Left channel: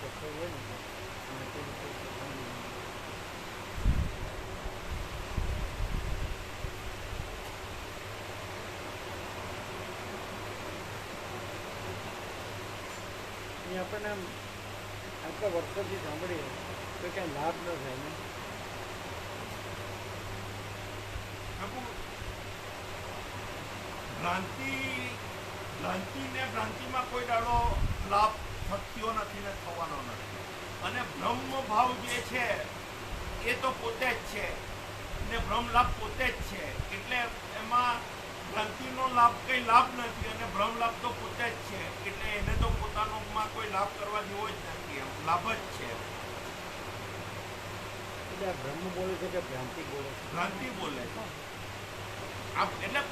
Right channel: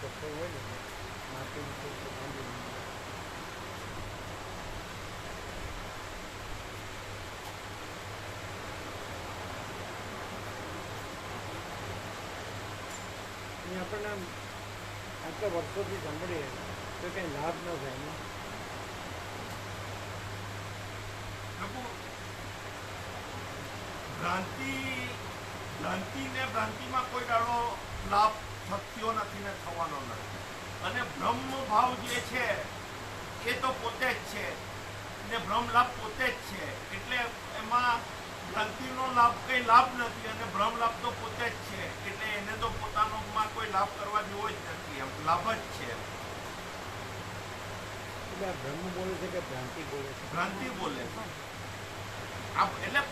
પથ્થર હોય ને માટીનું કોઈ ભાંગી નહીં. અહીંયા આપણને આમ આટલા વર્ષોથી સાંભળીએ તો કંઈ લાભ ન થાય ને. ભ્રાંતિમાં કોઈ દાડો લાભ થયો નથી ને થવાનો નથી. અને બ્રહ્મ ભાવ જે છે એ તો પોતે જ છે ને બ્રહ્મ લાભ પોતે જ છે. એટલે એમાં ભ્રાંતિનો લાભ કઈ લાભ નથી અને બ્રહ્મ લાભ તો પોતે જ છે. એટલે એને તો પોતાનોમાં કોઈ લાભ કરવા જેવો જ નથી, એમ લાભ જ છે. એટલે આ બ્રહ્મ બોલે છે કે ભ્રાંતિ બોલે છે? ભ્રાંતિ બોલે છે. એટલે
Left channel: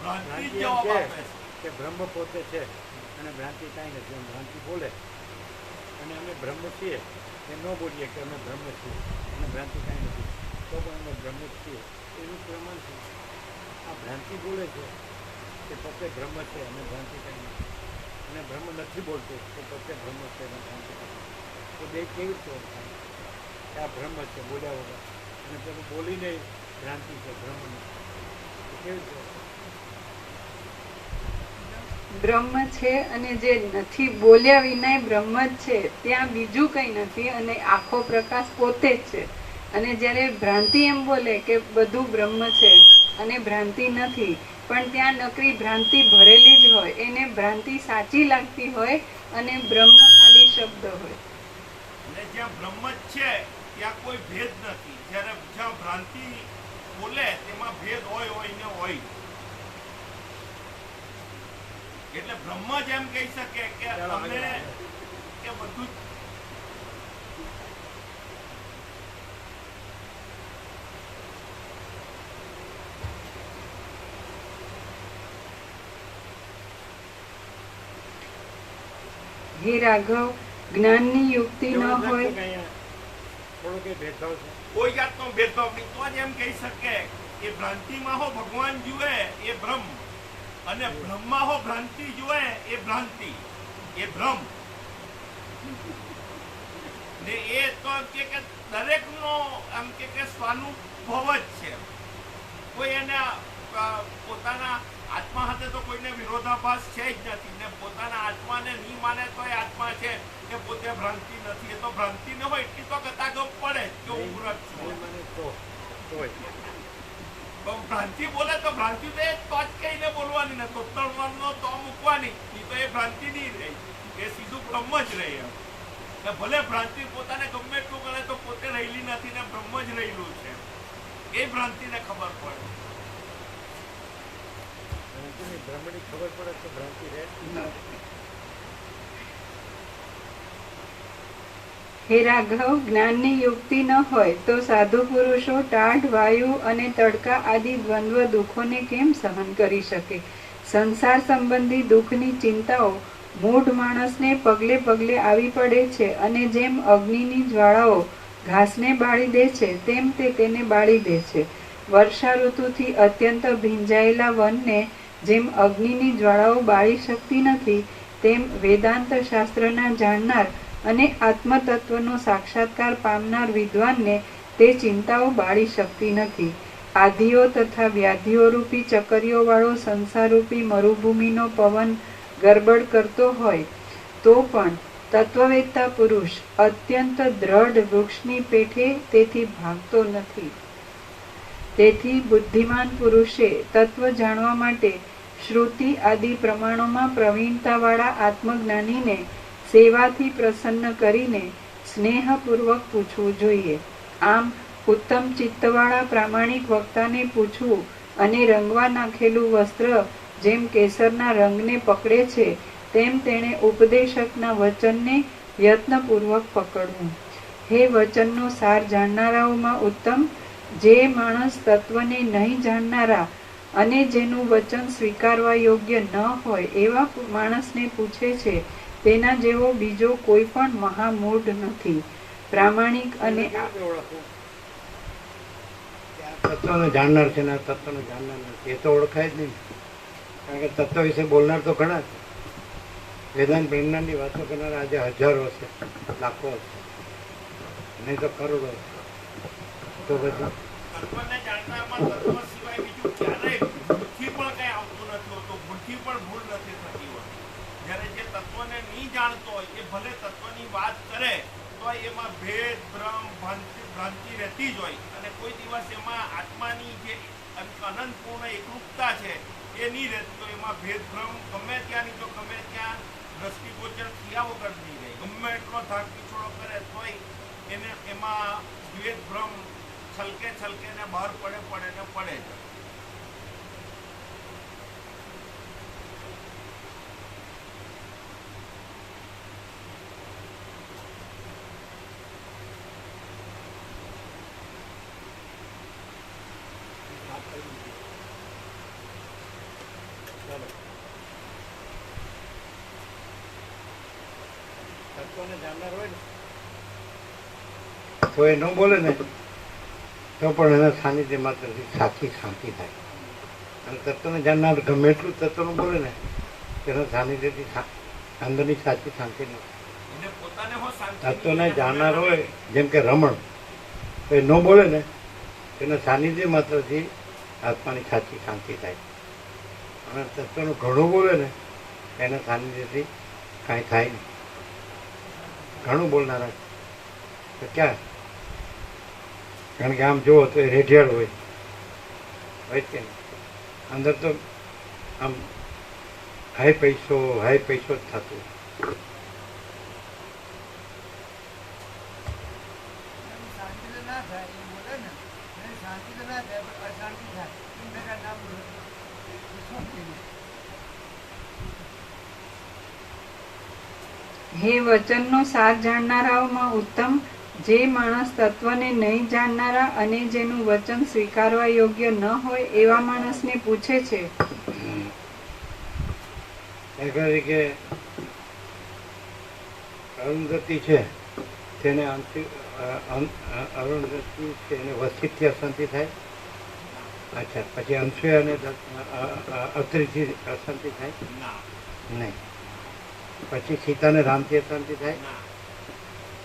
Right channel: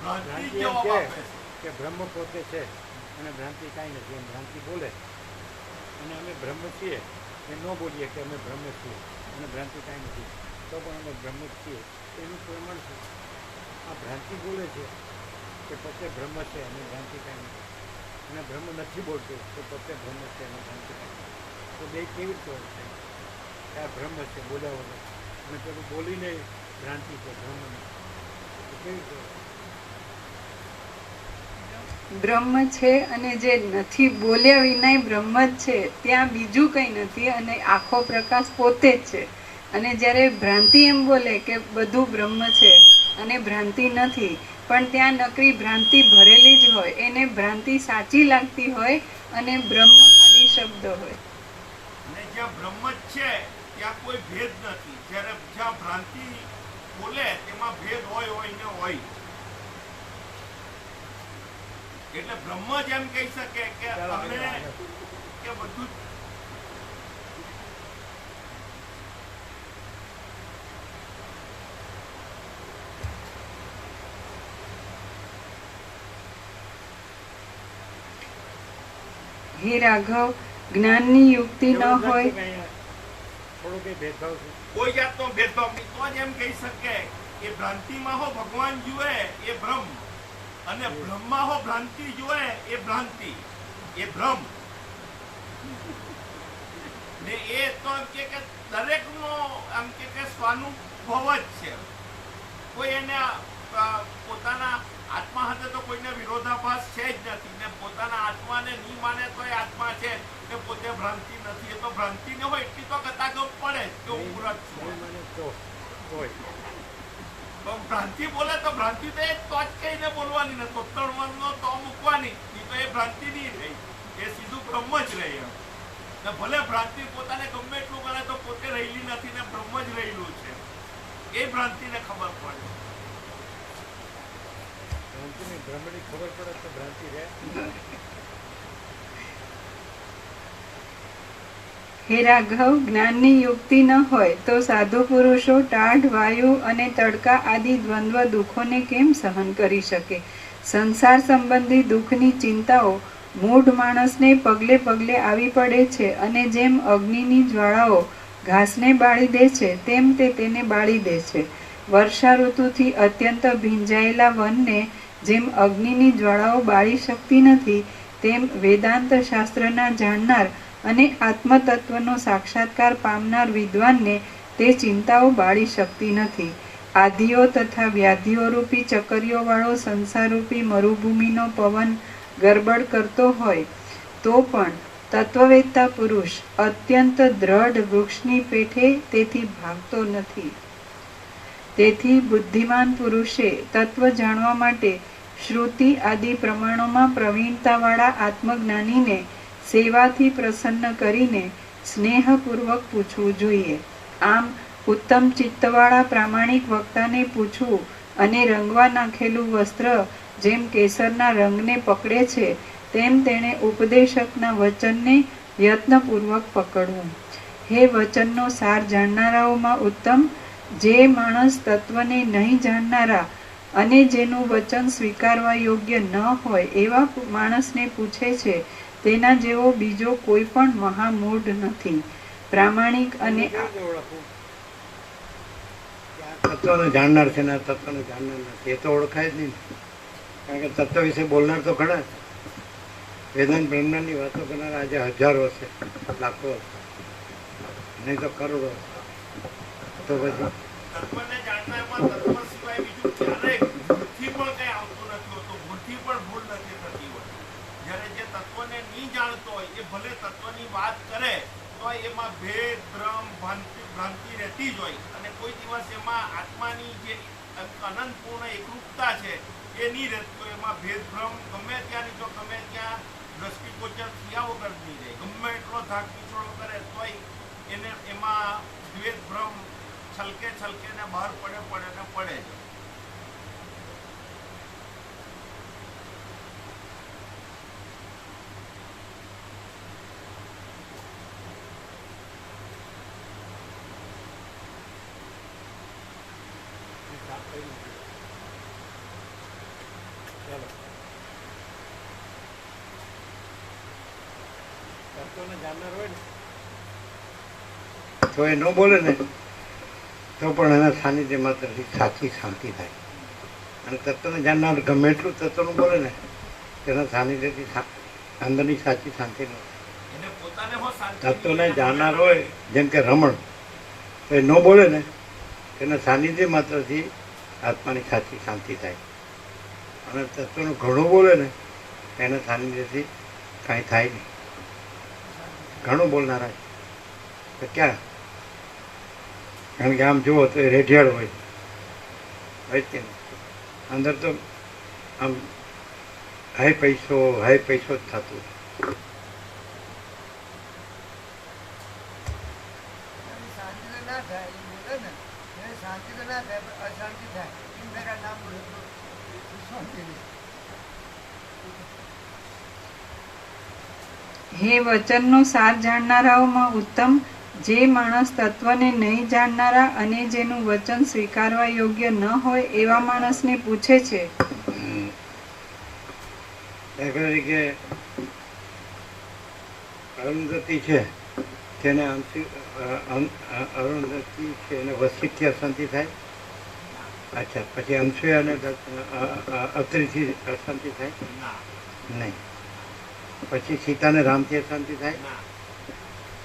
ભ્રાંતિ એમ કે બ્રહ્મ પોતે છે અને ભ્રાંતિ કાંઈ નથી, એમ ભ્રાંતિ બોલે. અને અમે બ્રહ્મ છીએ એ ન બોલીએ કે અમે બ્રહ્મ છીએ અને ભ્રાંતિ કાંઈ નથી, તો પણ અમે બ્રહ્મ છીએ. એનું પ્રમાણ છે. આ ભ્રાંતિ બોલે છે કે પોતે બ્રહ્મ છે અને ભ્રાંતિ કાંઈ નથી, અને બ્રહ્મ નથી બોલતો તો પોતે બ્રહ્મ છે અને ભ્રાંતિ કાંઈ નથી. તો બે કેવી રીતે થાય કે આ બ્રહ્મ છે બોલ્યા વગર, અને પેલું બોલીને ભ્રાંતિ છે, બ્રહ્મ નથી? કેવી રીતે? બ્રહ્મ છે અને જે નથી બોલ્યા વિનાય બ્રહ્મ જ છે, ત્યાં બીજું કંઈ નથી અને આખો પ્રકાશ પોતે જ છે. અને જ્યારે ભ્રાંતિ એમ બોલે કે બધું બ્રહ્મ છે અને ભ્રાંતિ નથી, પણ ત્યાં નકરી ભ્રાંતિ ભરેલી જ હોય, એને ભ્રાંતિ સાચી લાગતી હોય અને બ્રહ્મ ખાલી શબ્દ હોય. અને જ્યાં બ્રહ્મ જ છે ત્યાં કોઈ ભેદ નથી. જ્યારે જ્યાં ભ્રાંતિ બોલે તેમાં ભેદ હોય ને હોય. એટલે બ્રહ્મ જ એમ કહી શકે કે તમે કે બધું હે રાઘવ, જ્ઞાનની યુક્તિ ન હોય, થોડો કઈ ભેદભાવ છે? કોઈ જાતનો ભેદભાવ નહીં. તો જ એમ કહી શકે કે ભ્રાંતિમાં હો ભગવાન જુએ એ બ્રહ્મ, અને બ્રહ્મમાં હો ભ્રાંતિ જુએ એ ભ્રાંતિ, એ ભ્રમ. ને એ તો એમ કે દરેકનો એમ કે સ્વાનુભવ જ છે. કોઈ એને પોતાના આત્મા સાથે તો કોઈને વિરોધાભાસ છે જ નથી, ને પોતાના આત્માને નહીં માને તો એ આત્મા છે કે પોતે ભ્રાંતિ નથી. એ તો ભ્રાંતિ ન હોય એટલી તો કતાગો પડે તો પૂરક છું. ભ્રાંતિ બોલે તો ભ્રાંતિ તો જ કહીને બોલવાની ને તો મૂકવાની, તો એ ભ્રાંતિ નહીં રહી, એ સીધું બ્રહ્મ જ રહી. એમ ભલે ભ્રાંતિ પોતાને ગમે એટલું ગણે તો પોતે રહેલી નથી ને બ્રહ્મ જ રહેલું છે. એ ભ્રાંતિને ખબર પડે. ભ્રાંતિની બ્રહ્મની ખબર પડે તો ભ્રાંતિ રહે. હે રાઘવ, જ્ઞાનની યુક્તિ ન હોય તો સાધુ પુરુષો ટાઢ, વાયુ અને તડકા આદિ દ્વંદ્વ દુઃખોને કેમ સહન કરી શકે? સંસાર સંબંધી દુઃખની ચિંતાઓ મૂઢ માણસને પગલે પગલે આવી પડે છે, અને જેમ અગ્નિની જ્વાળાઓ ઘાસને બાળી દે છે તેમ તે તેને બાળી દે છે. વર્ષા ઋતુથી અત્યંત ભીંજાયેલા વનને જેમ અગ્નિની જ્વાળાઓ બાળી શકતી નથી, તેમ વેદાંત શાસ્ત્રના જાણનાર અને આત્મતત્વનો સાક્ષાત્કાર પામનાર વિદ્વાનને તે ચિંતાઓ બાળી શકતી નથી. આધિઓ તથા વ્યાધિઓ રૂપી ચકરીઓવાળો સંસારરૂપી મરુભૂમિનો પવન ગરબડ કરતો હોય તો પણ તત્વવેત્તા પુરુષ અત્યંત દ્રઢ વૃક્ષની પેઠે તેથી ભાગતો નથી. તેથી બુદ્ધિમાન પુરુષે તત્વ જાણવા માટે શ્રુતિ આદિ પ્રમાણોમાં પ્રવીણતાવાળા આત્મજ્ઞાનીને સેવાથી પ્રસન્ન કરીને સ્નેહપૂર્વક પૂછવું જોઈએ. આમ ઉત્તમ ચિત્તવાળા પ્રામાણિક વક્તાને પૂછવું અને રંગવા નાખેલું વસ્ત્ર જેમ કેસરના રંગને પકડે છે તેમ તેણે ઉપદેશકના વચનને યત્નપૂર્વક પકડવું. હે વચનનો સાર જાણનારાઓમાં ઉત્તમ, જે માણસ તત્વને નહીં જાણનારા અને જેનું વચન સ્વીકારવા યોગ્ય ન હોય એવા માણસને પૂછે છે, તેના જેવો બીજો કોઈ પણ મહામૂઢ નથી. પ્રામાણિક અને તત્વને જાણનાર છે ને તત્વને જાણનાર નથી, એ તો ઓળખાય જ નહીં. કારણ કે તત્વ વિશે બોલનાર તો ઘણા, વેદાંત બ્રહ્માંડની વાતો કરનારા આજે હજારો હશે, લાખો હશે, નહીં તો કરોડો હશે. તો પછી તત્વને જાણનારમાં તત્વ સિવાય બીજું ક્યારેય ભૂલથી પણ કઈ આવતું નથી હોતું, ભૂલથી પણ ભૂલ નથી થતી હોતી. જ્યારે જે તત્વને નહીં જાણતો હોય એ ભલે તત્વની વાત કરે તો એમાં ભેદ ભ્રમ ભ્રાંતિ રહેતી જ હોય, અને કોઈ દિવસ એમાં આત્માની જે અનંતપૂર્ણ એકરૂપતા છે એ નહીં રહેતી. તો એમાં ભેદભ્રમ ગમે ત્યાંની જો ગમે ત્યાં દ્રષ્ટિગોચર થયા વગર નહીં રહે. ગમે એટલો ધાક પીછોડો કરે તોય એને એમાં ભેદભ્રમ છલકે ને બહાર પડે ને પડે જ. ચાલો, તત્વને જાણનાર હોય ને તો એ ન બોલે ને તો પણ એના સાનિધ્ય માત્ર સાચી શાંતિ થાય. અને તત્વને જાણનાર ગમે એટલું તત્વનું બોલે ને તેના સાનિધ્યથી અંદરની સાચી શાંતિ ન એને પોતાને હો શાંતિ તત્વને જાણનાર હોય, જેમ કે રમણ, તો એ ન બોલે ને તેના સાનિધ્ય માત્રથી આત્માની સાચી શાંતિ થાય. અને તત્વનું ઘણું બોલે ને એના સાનિધ્યથી કાંઈ થાય નહીં. ઘણું બોલનારા તો ક્યાં, કારણ કે આમ જુઓ તો એ રેઢિયાળ હોય કે નહીં, અંદર તો આમ હાઈ પૈસો જ થતું. શાંતિ તો ના થાય એ બોલે ને એને શાંતિ તો ના થાય પણ અશાંતિ થાય. એમ ભેગા ના બોલે તો શાંતિ નહીં. હે વચનનો સાર જાણનારાઓમાં ઉત્તમ જે માણસ તત્વને નહીં જાણનારા અને જેનું વચન સ્વીકારવા યોગ્ય ન હોય એવા માણસને પૂછે છે. કે અરુંધતી છે તેને અરુંધતી છે એને વસિતથી અશાંતિ થાય. અચ્છા, પછી અંશુયા અને અત્રીથી અશાંતિ થાય નહીં. પછી સીતાને રામથી અશાંતિ થાય.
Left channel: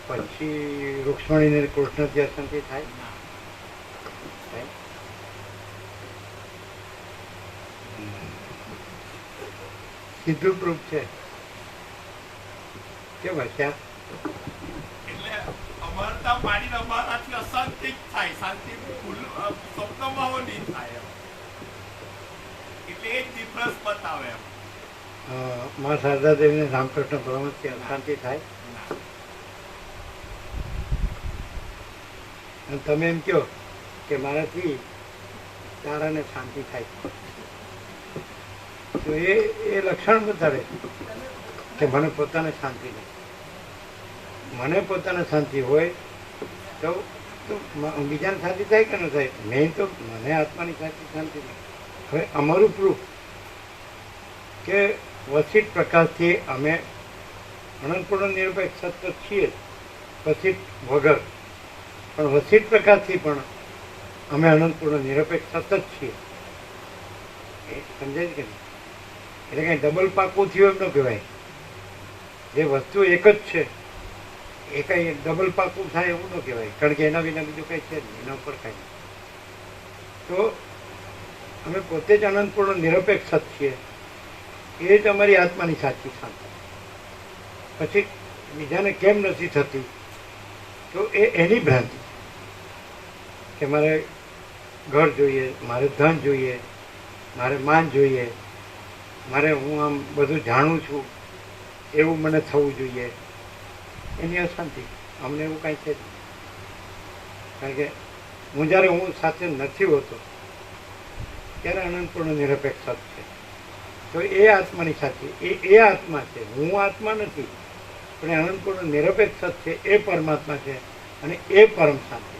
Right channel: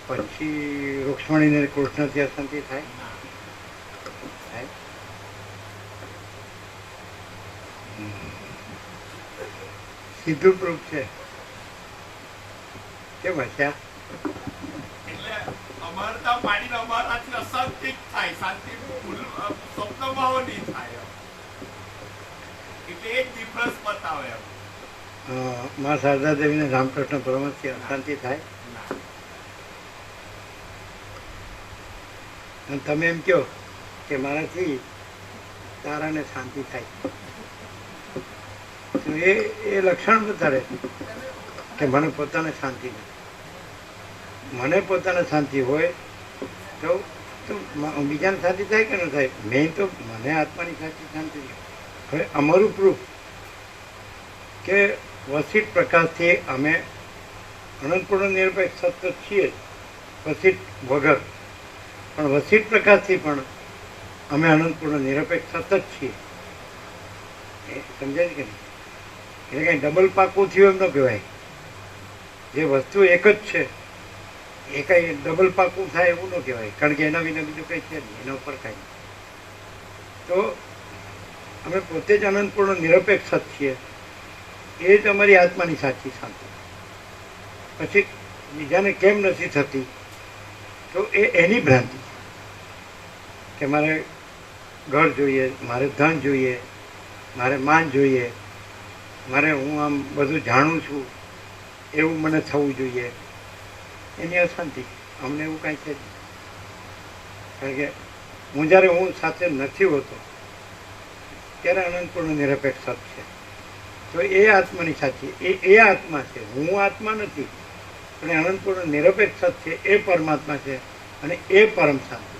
પછી રૂક્ષ્મણીને કૃષ્ણથી અશાંતિ થાય. સીધું પ્રૂફ છે. કેમ હસ્યા? એટલે અમરતા પાડીને અમારાથી અશાંતિ જ થાય, શાંતિ સ્વપ્નમાં નહીં થાય. એટલે એ જ ડિફરન્સ બતાવે એમ. મા શારદા દેવીને રામકૃષ્ણ પરમહંસથી અશાંતિ થાય. અને તમે એમ કહો કે મારાથી તારાને શાંતિ થાય, તો એ લક્ષણ બતાડે કે મને પોતાને શાંતિ નથી. મને પોતાને શાંતિ હોય તો બીજાને શાંતિ થાય કે ન થાય? મેં તો મને આત્માની સાચી શાંતિ નથી. હવે અમારું પ્રૂફ કે વસિત પ્રકાશથી અમે અનંતપૂર્ણ નિરપેક્ષ સત્ય છીએ જ, વસિત વગર, પણ વસિત પ્રકાશથી પણ અમે અનંતપૂર્ણ નિરપેક્ષ સતત છીએ. એ સમજાય કે નહીં? એટલે કંઈ ડબલ પાકું થયું એમ ન કહેવાય. જે વસ્તુ એક જ છે એ કંઈ ડબલ પાકું થાય એવું ન કહેવાય, કારણ કે એના વિના બીજું કંઈ છે જ નહીં, એના ઉપર કાંઈ નહીં. તો અમે પોતે જ અનંતપૂર્ણ નિરપેક્ષ સત છીએ. એ જ અમારી આત્માની સાચી શાંતિ. પછી બીજાને કેમ નથી થતી તો એની ભ્રાંતિ કે મારે ઘર જોઈએ, મારે ધન જોઈએ, મારે માન જોઈએ, મારે હું આમ બધું જાણું છું એવું મને થવું જોઈએ, એની અશાંતિ. અમને એવું કાંઈ છે જ નહીં. કારણ કે હું જ્યારે હું સાથે નથી હોતો ત્યારે અનંતપૂર્ણ નિરપેક્ષ સત છે. તો એ આત્માની સાચી એ આત્મા છે. હું આત્મા નથી, પણ એ અનંતપૂર્ણ નિરપેક્ષ સત છે, એ પરમાત્મા છે અને એ પરમ શાંતિ.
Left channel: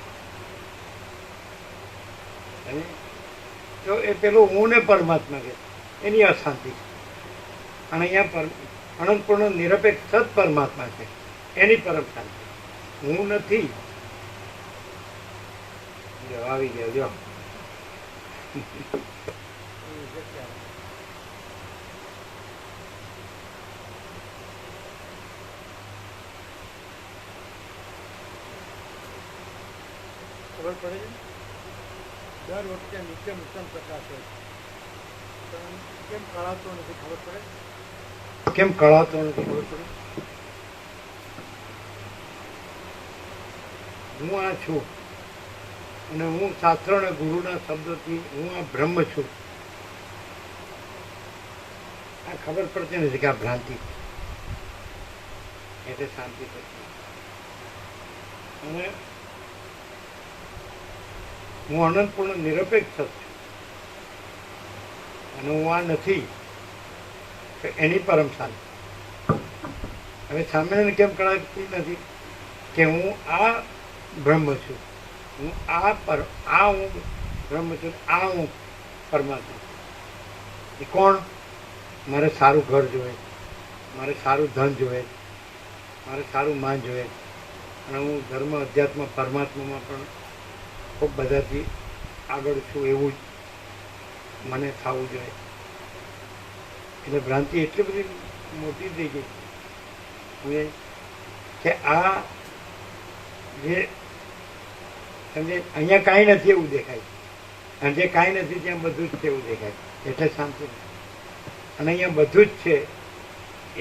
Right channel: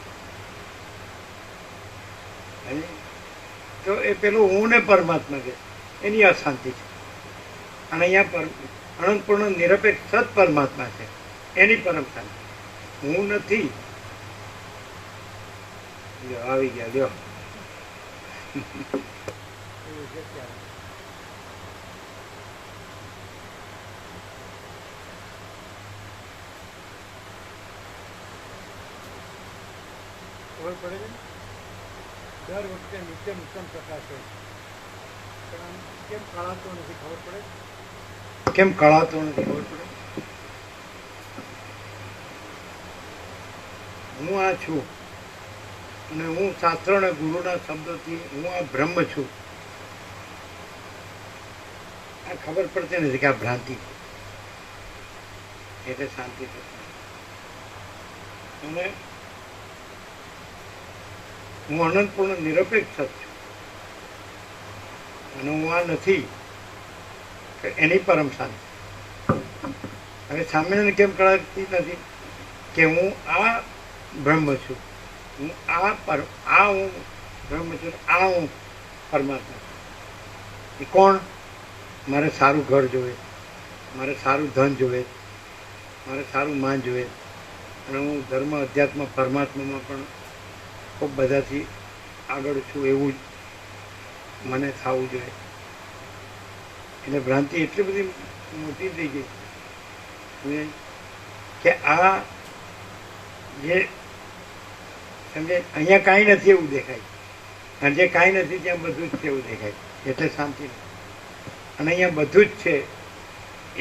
તો એ પેલું હું ને પરમાત્મા છે એની અશાંતિ છે. અને અહીંયા અનંતપૂર્ણ નિરપેક્ષ સત પરમાત્મા છે એની પરમ શાંતિ. હું નથી. આવી ગયા લ્યો. ખબર પડે છે ને? દર વખતે નિત્ય નૂતન પ્રકાશ હોય છે, પણ આમ કેમ કળાતો નથી ખબર પડે? કેમ કળાતો નથી ખબર પડે? હું આ છું અને હું શાસ્ત્ર અને ગુરુના શબ્દોથી હું આ બ્રહ્મ છું, આ ખબર પડતી નથી કે આ ભ્રાંતિ છે. એટલે શાંતિ થતી. અને હું અનંતપૂર્ણ નિરપેક્ષ જ છું અને હું આ નથી કે એની પરમ શાંતિ. હવે સામેને કેમ કળાતી નથી કે હું આ બ્રહ્મ છું, હું આ હું બ્રહ્મ છું, આ હું પરમાત્મા છું. એ કોણ? મારે સારું ઘર જોઈએ, મારે સારું ધન જોઈએ, મારે સારું માન જોઈએ, અને હું ધર્મ અધ્યાત્મ પરમાત્મામાં પણ ખૂબ બધાથી આગળ છું એવું જ મને થવું જોઈએ. એટલે ભ્રાંતિ એટલી બધી મોટી થઈ ગઈ કે આ જે સમજે અહીંયા કાંઈ નથી એવું દેખાય, અને જે કાંઈ નથી ત્યાં બધું જ છે એવું દેખાય, એટલે શાંતિ નથી. અને અહીંયા બધું જ છે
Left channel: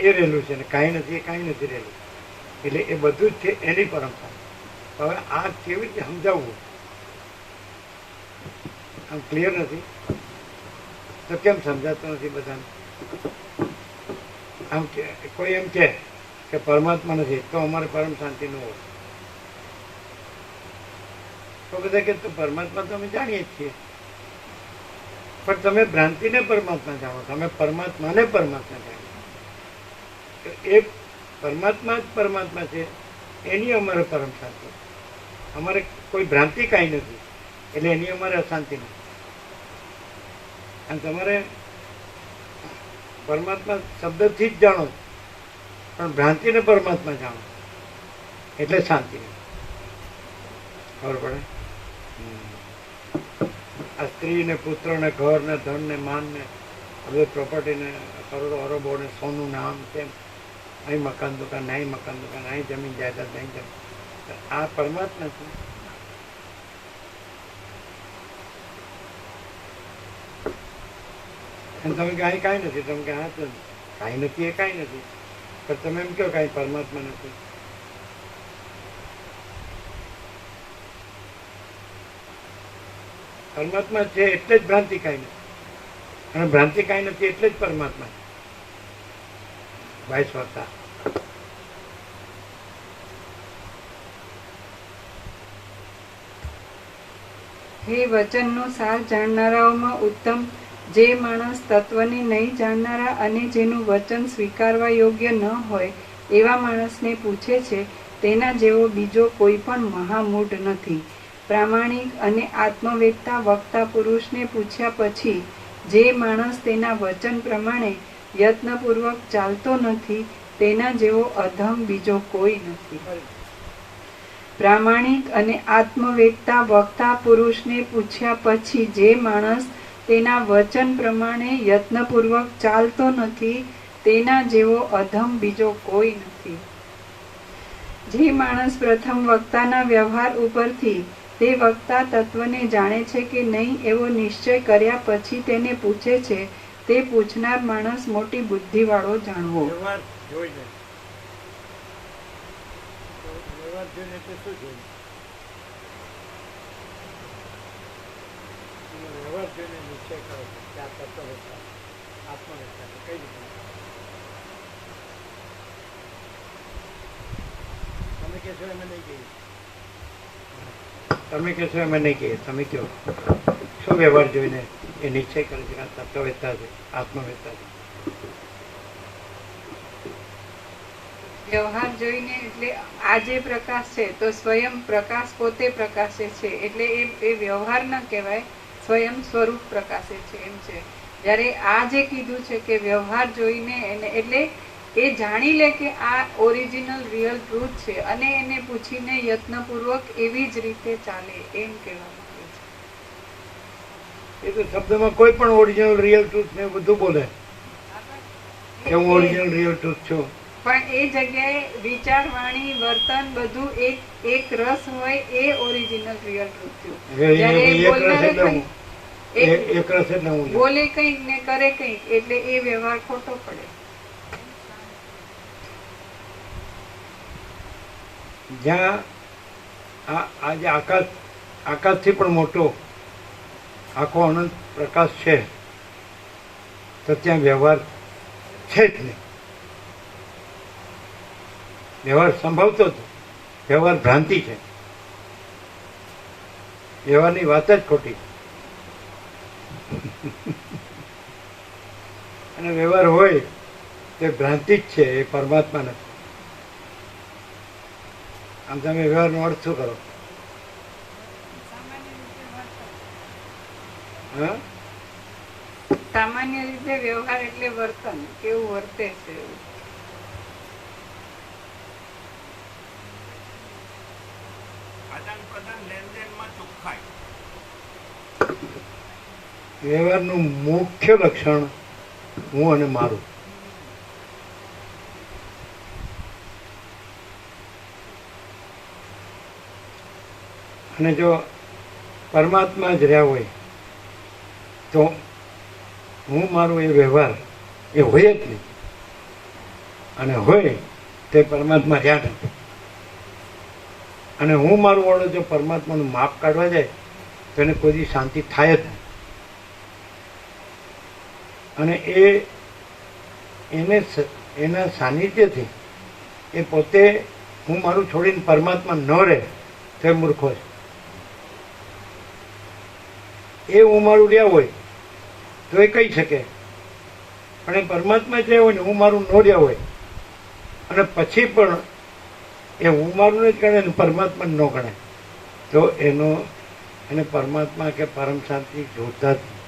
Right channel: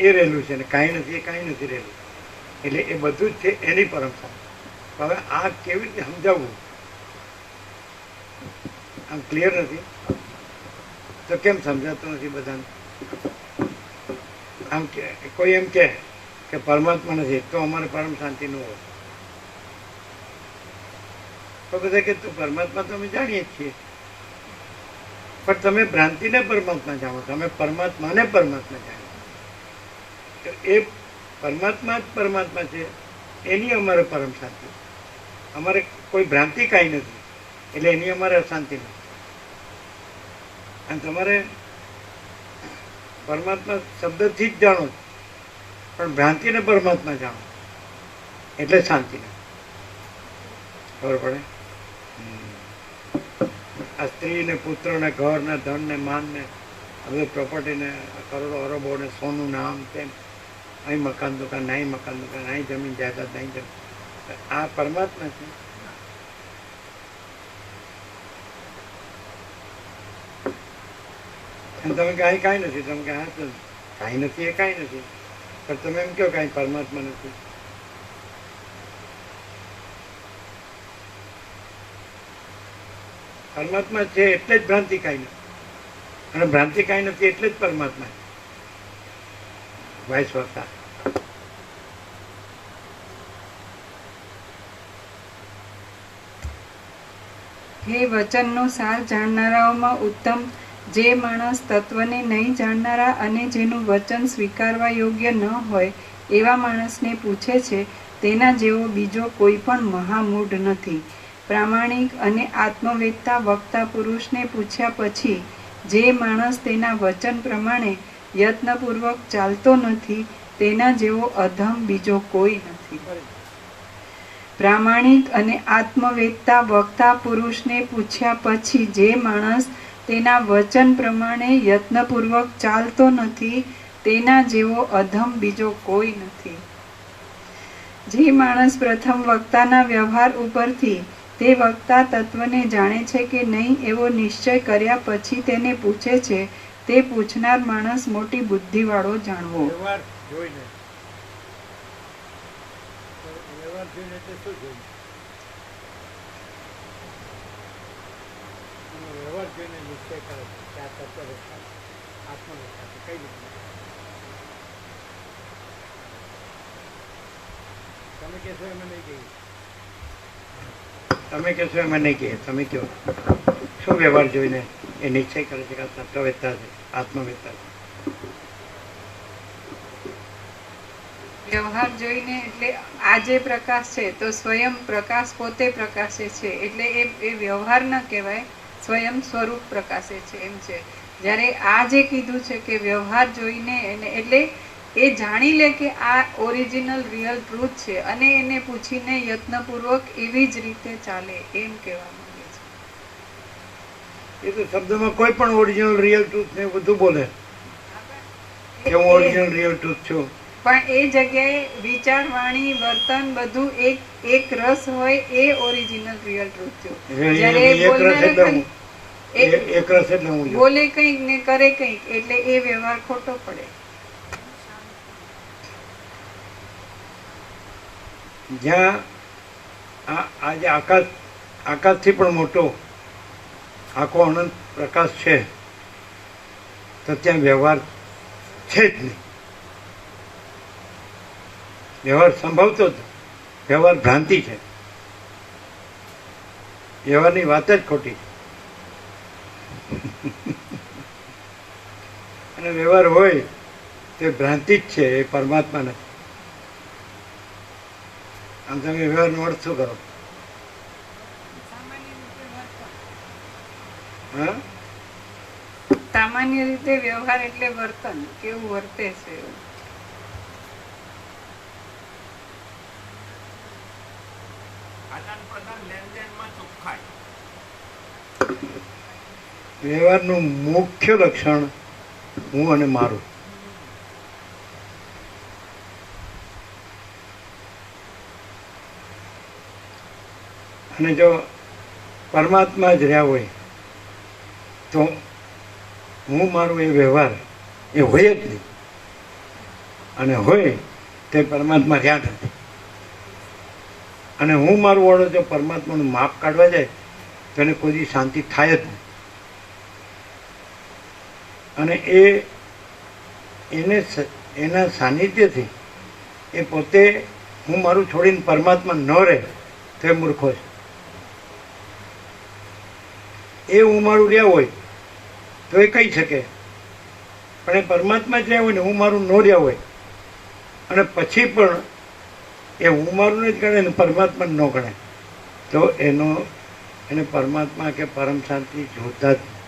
એ રહેલું છે, ને કાંઈ નથી એ કાંઈ નથી રહેલું, એટલે એ બધું જ છે એની પરમ શાંતિ. હવે આ કેવી રીતે સમજાવવું? આમ ક્લિયર નથી તો કેમ સમજાતું નથી બધાને? આમ કે કોઈ એમ કે પરમાત્મા નથી તો અમારે પરમ શાંતિ ન હોય, તો બધા કે પરમાત્મા તો અમે જાણીએ જ છીએ, પણ તમે ભ્રાંતિને પરમાત્મા જાણો, તમે પરમાત્માને પરમાત્મા જાણો. તો એ પરમાત્મા જ પરમાત્મા છે, એની અમારે પરમ શાંતિ. અમારે કોઈ ભ્રાંતિ કાંઈ નથી, એટલે એની અમારે અશાંતિ નથી. અને તમારે પરમાત્મા શબ્દથી જ જાણો, પણ ભ્રાંતિને પરમાત્મા જાણો એટલે શાંતિ નથી. ખબર પડે? આ સ્ત્રી ને પુત્ર ને ઘર ને ધન ને માન ને આ બધું પ્રોપર્ટી ને કરોડો અરબો ને સોનું ને આમ તેમ, અહીં મકાન દુકાન, અહીં મકાન દુકાન, અહીં જમીન જાયદાદ, નહીં જમીન, આ પરમાત્મા છે. અને તમે કે અહીં કાંઈ નથી, તમે કે હા તો કાંઈ નથી એ કાંઈ નથી, પણ તમે એમ કહો કાંઈ પરમાત્મા નથી. પરમાત્મા છે એટલે જ ભ્રાંતિ કાંઈ નથી, અને ભ્રાંતિ કાંઈ નથી એટલે જ પરમાત્મા છે. Vice versa. હે વચનનો સાર જાણનારાઓમાં ઉત્તમ, જે માણસ તત્વને નહીં જાણનારા અને જેનું વચન સ્વીકારવા યોગ્ય ન હોય એવા માણસને પૂછે છે, તેના જેવો બીજો કોઈ પણ મહામૂઢ નથી. પ્રામાણિક અને આત્મવેદતા વક્તા પુરુષને પૂછ્યા પછી જે માણસ તેના વચન પ્રમાણે યત્નપૂર્વક ચાલતો નથી, તેના જેવો અધમ બીજો કોઈ નથી. પ્રામાણિક અને આત્મવેદતા વક્તા પુરુષને પૂછ્યા પછી જે માણસ તેના વચન પ્રમાણે યત્નપૂર્વક ચાલતો નથી, તેના જેવો અધમ બીજો કોઈ નથી. જે માણસ પ્રથમ વક્તાના વ્યવહાર ઉપરથી તે વક્તા તત્વને જાણે છે કે નહીં એવો નિશ્ચય કર્યા પછી તેને પૂછે છે, તે પૂછનાર માણસ મોટી બુદ્ધિવાળો જાણવો. વ્યવહાર જોઈને એટલે શું જોઈને? વ્યવહાર જોઈને નિશ્ચય કરો કે આ તત્વવસ્થા આત્મવસ્થા છે. કઈ રીતે તમે કહેશો એમાં નહીં કહીએ, તમે કહેશો એમાં નહીં કહીએ, તમે કહો શું વ્યવહાર જોઈને એ નિશ્ચય કરે છે કે આ તત્વવેદતા છે, આત્મવેદતા છે? વ્યવહાર જોઈને એટલે આ જે પ્રકાશ છે તો સ્વયં પ્રકાશ પોતે પ્રકાશે છે, એટલે એ વ્યવહાર ન કહેવાય, સ્વયં સ્વરૂપ પ્રકાશે છે એમ છે. જ્યારે આ જે કીધું છે કે વ્યવહાર જોઈને એને એટલે એ જાણી લે કે આ ઓરિજિનલ રિયલ ટ્રુથ છે અને એને પૂછીને યત્નપૂર્વક એવી જ રીતે ચાલે એમ કહેવા માંગે છે. એ તો શબ્દમાં કોઈ પણ ઓરિજિનલ રિયલ ટ્રુથ ને બધું બોલે કે હું ઓરિજિનલ રિયલ ટ્રુથ છું, પણ એ જગ્યાએ વિચાર, વાણી, વર્તન બધું એક રસ હોય એ ઓરિજિનલ રિયલ ટ્રુથ થયું. જ્યારે એક રસ બોલનારે એટલે કંઈક- એક રસ એટલે હું છું. બોલે કંઈક ને કરે કંઈક એટલે એ વ્યવહાર ખોટો પડે. જ્યાં આજે આકાશથી પણ મોટો આખો અનંત પ્રકાશ છે તો ત્યાં વ્યવહાર છે જ નહીં. વ્યવહાર સંભવતો જ વ્યવહાર ભ્રાંતિ છે. વ્યવહારની વાત જ ખોટી. અને વ્યવહાર હોય તે ભ્રાંતિ જ છે, એ પરમાત્મા નથી. આમ તમે વ્યવહારનો અર્થ શું કરો? હા, સામાન્ય રીતે વ્યવહાર એટલે વર્તન, કેવું વર્તે છે એવું. આદાન પ્રદાન લેનદેનમાં ચોખ્ખાઈ. વ્યવહારનું મુખ્ય લક્ષણ હું અને મારું. અને જો પરમાત્મા જ રહ્યા હોય તો હું મારું એ વ્યવહાર એ હોય જ નહીં. અને હોય તે પરમાત્મા રહ્યા નથી. અને હું મારું વાળો જો પરમાત્માનું માપ કાઢવા જાય તો એને કોઈ દી શાંતિ થાય જ નહીં. અને એના સાનિધ્યથી એ પોતે હું મારું છોડીને પરમાત્મા ન રહે તો એ મૂર્ખો છે. એ હું મારું રહ્યા હોય તો એ કહી શકે, પણ એ પરમાત્મા જ રહ્યા હોય ને હું મારું ન રહ્યા હોય અને પછી પણ એ હું મારું જ ગણે ને પરમાત્મા ન ગણે તો એને પરમાત્મા કે પરમ શાંતિ જોતા જ નહીં.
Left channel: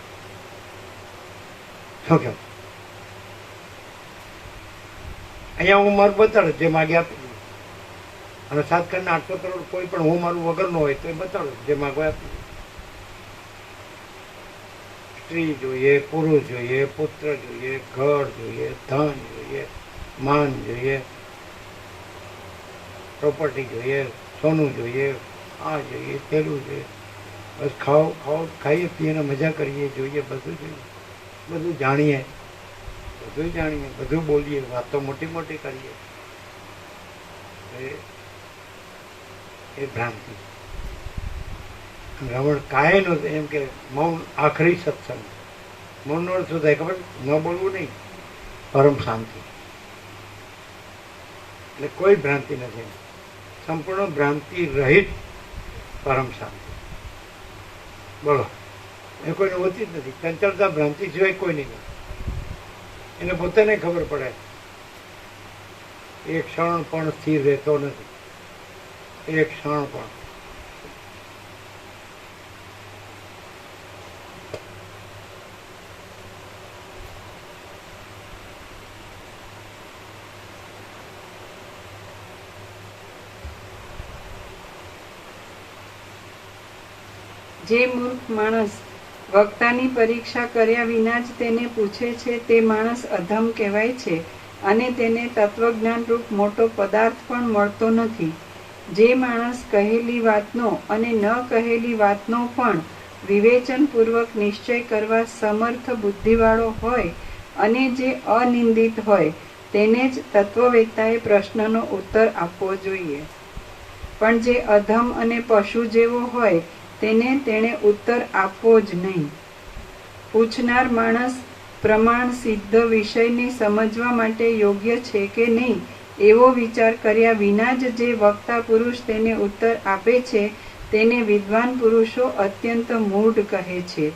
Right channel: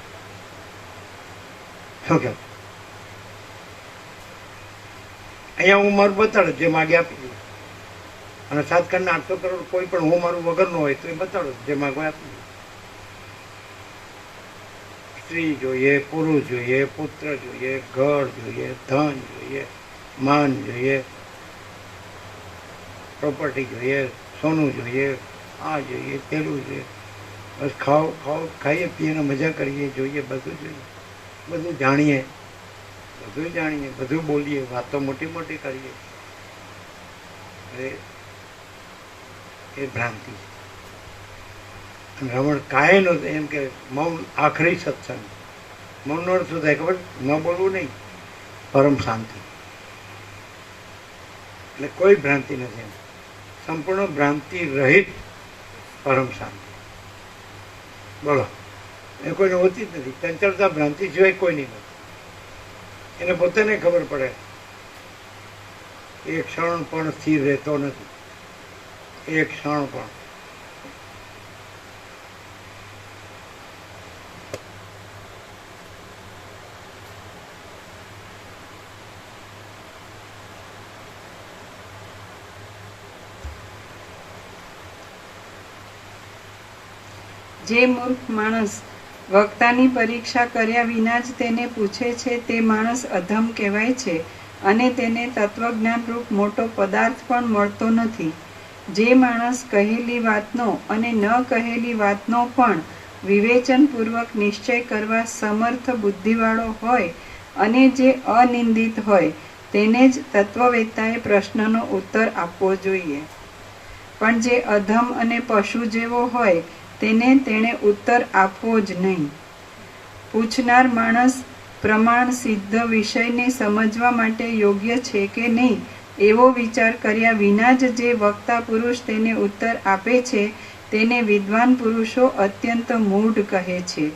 શું કહે? અહીંયા હું મારું બતાડે જે માગે આપી દીધું. અને 7 કરોડ 800 કરોડ કોઈ પણ હું મારું વગરનો હોય તો એ બતાડો જે માગવા આપી દીધું. સ્ત્રી જોઈએ, પુરુષ જોઈએ, પુત્ર જોઈએ, ઘર જોઈએ, ધન જોઈએ, માન જોઈએ, પ્રોપર્ટી જોઈએ, સોનું જોઈએ, આ જોઈએ, તેલું જોઈએ, બસ ખાઈએ પીએ મજા કરીએ, જોઈએ, બધું જોઈએ, બધું જાણીએ, બધું બોલીએ, વાતો મોટી મોટી કરીએ. એ ભ્રાંતિ છે. રમણ કાંઈ નહોતું એમ કે મૌન આખરી સત્સંગ. મૌનનો અર્થ શું થાય ખબર? ન બોલવું નહીં, પરમ શાંતિ. એટલે કોઈ ભ્રાંતિ નથી. સંપૂર્ણ ભ્રાંતિ રહિત પરમ શાંતિ. બોલો, એ કોઈને હોતી જ નથી. ચંચળતા ભ્રાંતિ સિવાય કોઈ નહીં હોતી. એને પોતાને ખબર પડે એક ક્ષણ પણ સ્થિર રહેતો નથી. એક ક્ષણ પણ. જે મૂર્ખ માણસ વક્તાની પરીક્ષા કર્યા વિના જ તેને પૂછે છે તે માણસ અધમ કહેવાય છે અને તેને તત્વજ્ઞાન રૂપ મોટો પદાર્થ પણ મળતો નથી. જે માણસ કહેલી વાતનો અને ન કહેલી વાતનો પણ વિવેચનપૂર્વક નિશ્ચય કરવા સમર્થ બુદ્ધિવાળો હોય અને જે અનિંદિત હોય તેને જ તત્વવેત્તાએ પ્રશ્નનો ઉત્તર આપવો જોઈએ. પણ જે અધમ અને પશુ જેવો હોય તેણે ઉત્તર આપવો જ નહીં. પૂછનાર માણસ પ્રમાણ સિદ્ધ વિષયને સમજવા માટે યોગ્ય છે કે નહીં એવો વિચાર કર્યા વિના જ જે વક્તા પુરુષ તેને ઉત્તર આપે છે તેને વિદ્વાન પુરુષો અત્યંત મૂઢ કહે છે.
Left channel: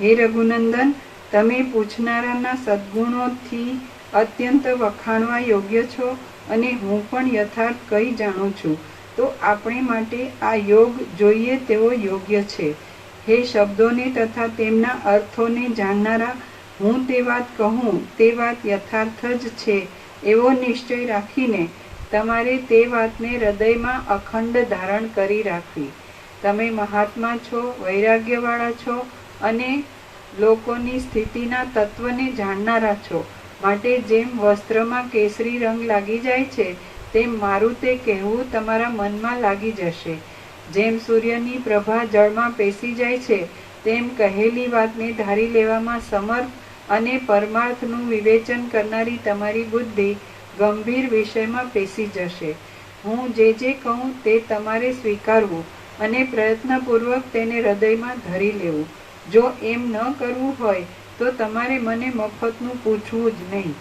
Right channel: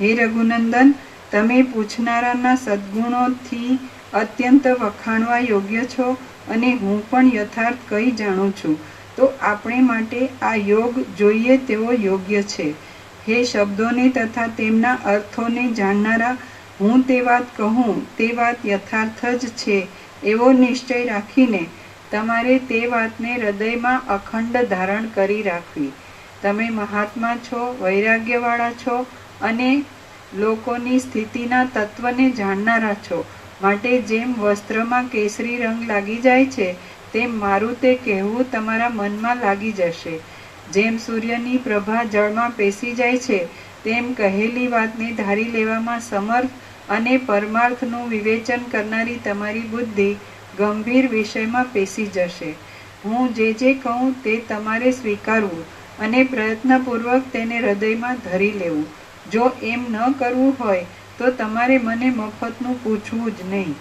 હે રઘુનંદન, તમે પૂછનારાના સદ્ગુણોથી અત્યંત વખાણવા યોગ્ય છો અને હું પણ યથાર્થ કહી જાણું છું. તો આપણે માટે આ યોગ જોઈએ તેવો યોગ્ય છે. હે શબ્દોને તથા તેમના અર્થોને જાણનારા, હું તે વાત કહું તે વાત યથાર્થ જ છે એવો નિશ્ચય રાખીને તમારે તે વાતને હૃદયમાં અખંડ ધારણ કરી રાખવી. તમે મહાત્મા છો, વૈરાગ્યવાળા છો અને લોકોની સ્થિતિના તત્વને જાણનારા છો. માટે જેમ વસ્ત્રમાં કેસરી રંગ લાગી જાય છે, તેમ મારું તે કહેવું તમારા મનમાં લાગી જશે. જેમ સૂર્યની પ્રભા જળમાં પેસી જાય છે, તેમ કહેલી વાતને ધારી લેવામાં સમર્થ અને પરમાર્થનું વિવેચન કરનારી તમારી બુદ્ધિ ગંભીર વિષયમાં પેસી જશે. હું જે કહું તે તમારે સ્વીકારવું અને પ્રયત્નપૂર્વક તેને હૃદયમાં ધરી લેવું. જો એમ ન કરવું હોય તો તમારે મને મફતનું પૂછવું જ નહીં.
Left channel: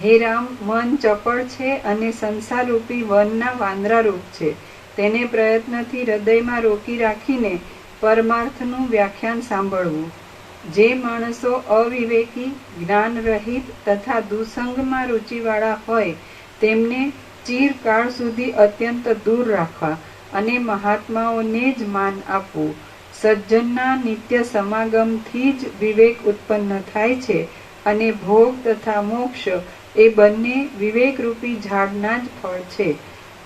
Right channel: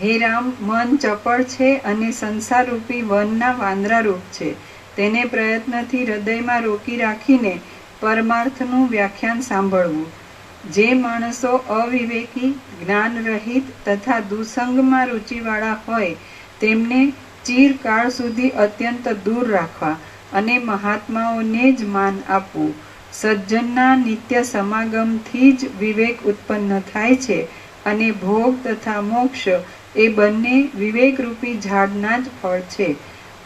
હે રામ, મન ચપળ છે અને સંસારરૂપી વનના વાંદરારૂપ છે. તેને પ્રયત્નથી હૃદયમાં રોકી રાખીને પરમાર્થનું વ્યાખ્યાન સાંભળવું. જે માણસો અવિવેકી, જ્ઞાનરહિત તથા દુસંગમાં રુચિવાળા હોય તેમને ચિરકાળ સુધી અત્યંત દૂર રાખવા અને મહાત્માઓને જ માન આપવું. સજ્જનના નિત્ય સમાગમથી જ વિવેક ઉત્પન્ન થાય છે અને ભોગ તથા મોક્ષ એ બંને વિવેકરૂપી ઝાડના જ ફળ છે.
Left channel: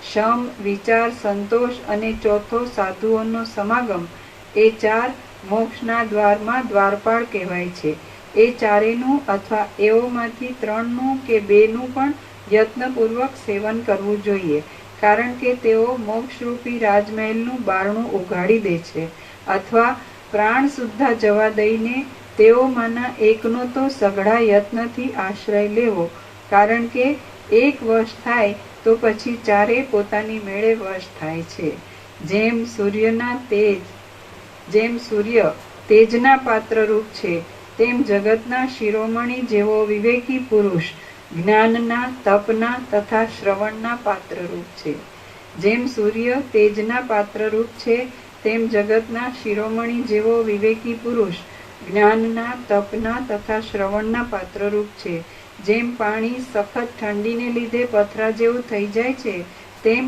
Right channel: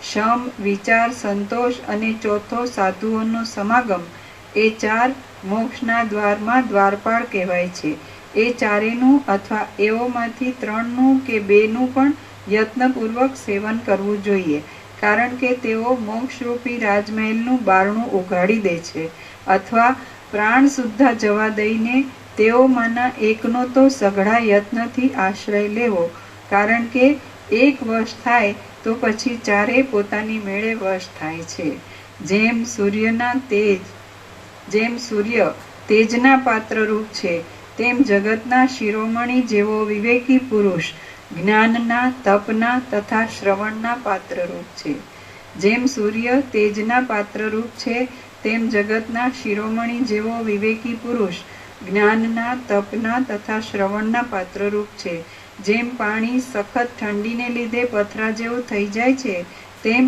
શમ, વિચાર, સંતોષ અને ચોથો સાધુઓનો સમાગમ એ ચાર મોક્ષના દ્વારમાં દ્વારપાળ કહેવાય છે. એ ચારેનું અથવા એઓમાંથી 3નું કે 2નું પણ યત્નપૂર્વક સેવન કરવું જોઈએ, કારણ કે તેઓ મોક્ષરૂપી રાજમહેલનું બારણું ઉઘાડી દે છે. અથવા પ્રાણ સુદ્ધા જવા દઈને તેઓમાંના એકનો તો સઘળા યત્નથી આશ્રય લેવો, કારણ કે એક વશ થાય તો પછી ચારે પોતાની મેળે વશ થાય છે. જેમ સૂર્ય તેજના પાત્રરૂપ છે, તેમ જગતના શિરોમણી જેવો વિવેકી પુરુષ જ્ઞાનના, તપના તથા શ્રવણના પાત્રરૂપ છે. જેમ સૂર્ય તેજના પાત્રરૂપ છે, તેમ જગતના શિરોમણી જેવો વિવેકી પુરુષ જ્ઞાનના, તપના તથા શ્રવણના પાત્રરૂપ છે. જેમ પાણી સખત ઠંડીને લીધે પથરા જેવું થઈ જાય છે, તેમ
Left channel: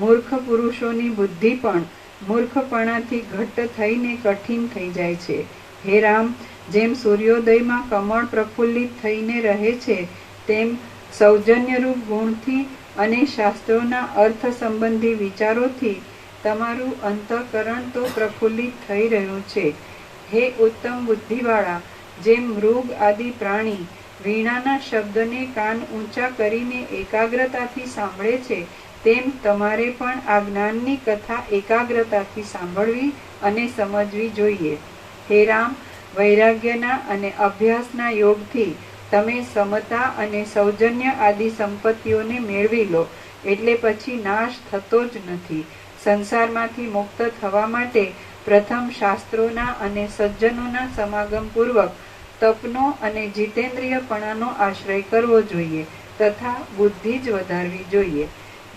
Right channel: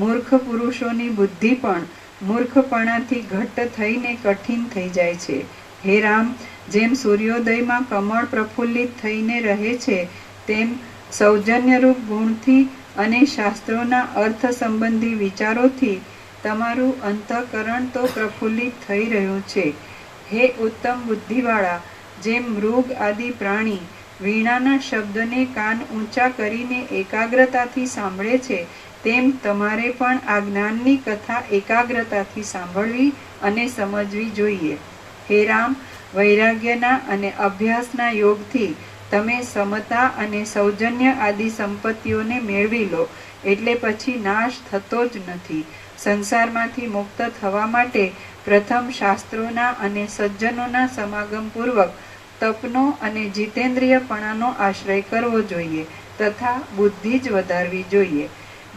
મૂર્ખ પુરુષોની બુદ્ધિ પણ મૂર્ખપણાથી ઘટ્ટ થઈને કઠિન થઈ જાય છે. હે રામ, જેમ સૂર્યોદયમાં કમળ પ્રફુલ્લિત થઈને રહે છે, તેમ સૌજન્યરૂપ ગુણથી અને શાસ્ત્રોના અર્થ સંબંધી વિચારોથી તમારું અંતઃકરણ તો પ્રફુલ્લિત થઈ રહ્યું છે. હે ઉત્તમ બુદ્ધિવાળા, જેમ મૃગ આદિ પ્રાણી વીણાના શબ્દને કાન ઊંચા કરીને એકાગ્રતાથી સાંભળે છે, તેમ તમારે પણ આ જ્ઞાનની કથા એકાગ્રતાથી સાંભળવી અને સમજવી જોઈએ. હે રામ, વૈરાગ્યના અને અભ્યાસના યોગથી તમે સમતા અને સૌજન્ય આદિ સંપત્તિઓને મેળવી લો, એટલે પછી નાશ થતો જ નથી. સંસારમાંથી મુક્ત થવા માટે પ્રથમ શાસ્ત્રોના અને સજ્જનોના સમાગમ પૂર્વક તપનો અને જીતેન્દ્રિયપણાનો આશ્રય કરવો જોઈએ તથા બુદ્ધિ જ વધારવી જોઈએ.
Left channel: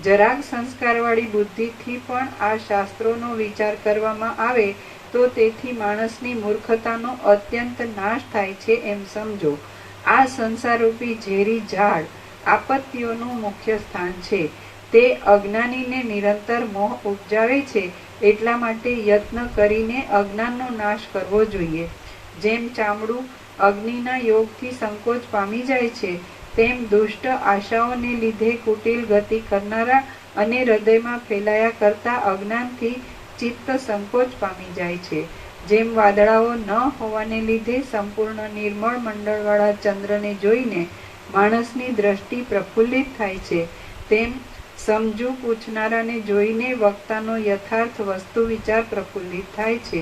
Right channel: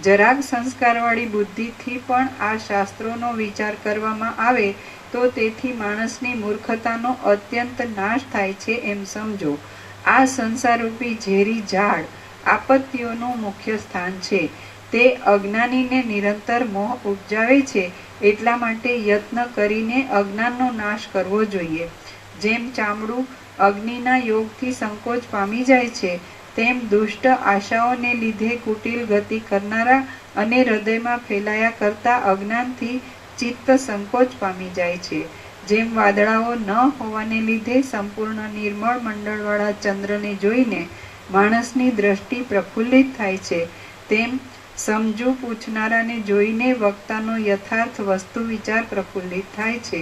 જરાક સંસ્કારવાળી બુદ્ધિથી પણ આ શાસ્ત્રોનો વિચાર કરવામાં આવે તો તેથી માણસની મૂર્ખતાનો અત્યંત નાશ થાય છે એમ સમજો. આ સંસારરૂપી ઝેરી ઝાડ આપત્તિઓનું મુખ્ય સ્થાન છે. તે અજ્ઞાનીને નિરંતર મોહ ઉપજાવે છે, એટલા માટે યત્ન કરીને અજ્ઞાનનો નાશ કરવો જોઈએ. જેમ ચામડું અગ્નિના યોગથી સંકોચ પામી જાય છે, તેમ દુષ્ટ આશાઓને લીધે કુટિલ ગતિ કરનારા અને હૃદયમાં ફેલાયા કરતા અજ્ઞાનથી ચિત્ત સંકોચ પામી જાય છે. જેમ વાદળાઓ ન હોવાને લીધે સંપૂર્ણ નિર્મળ મંડળવાળા ચંદ્રને જોઈને માણસની દ્રષ્ટિ પ્રફુલ્લિત થાય છે, તેમ સમજુ પૂછનારાને જોઈને વક્તાનો યથાર્થ વસ્તુ વિચાર પ્રફુલ્લિત થાય છે.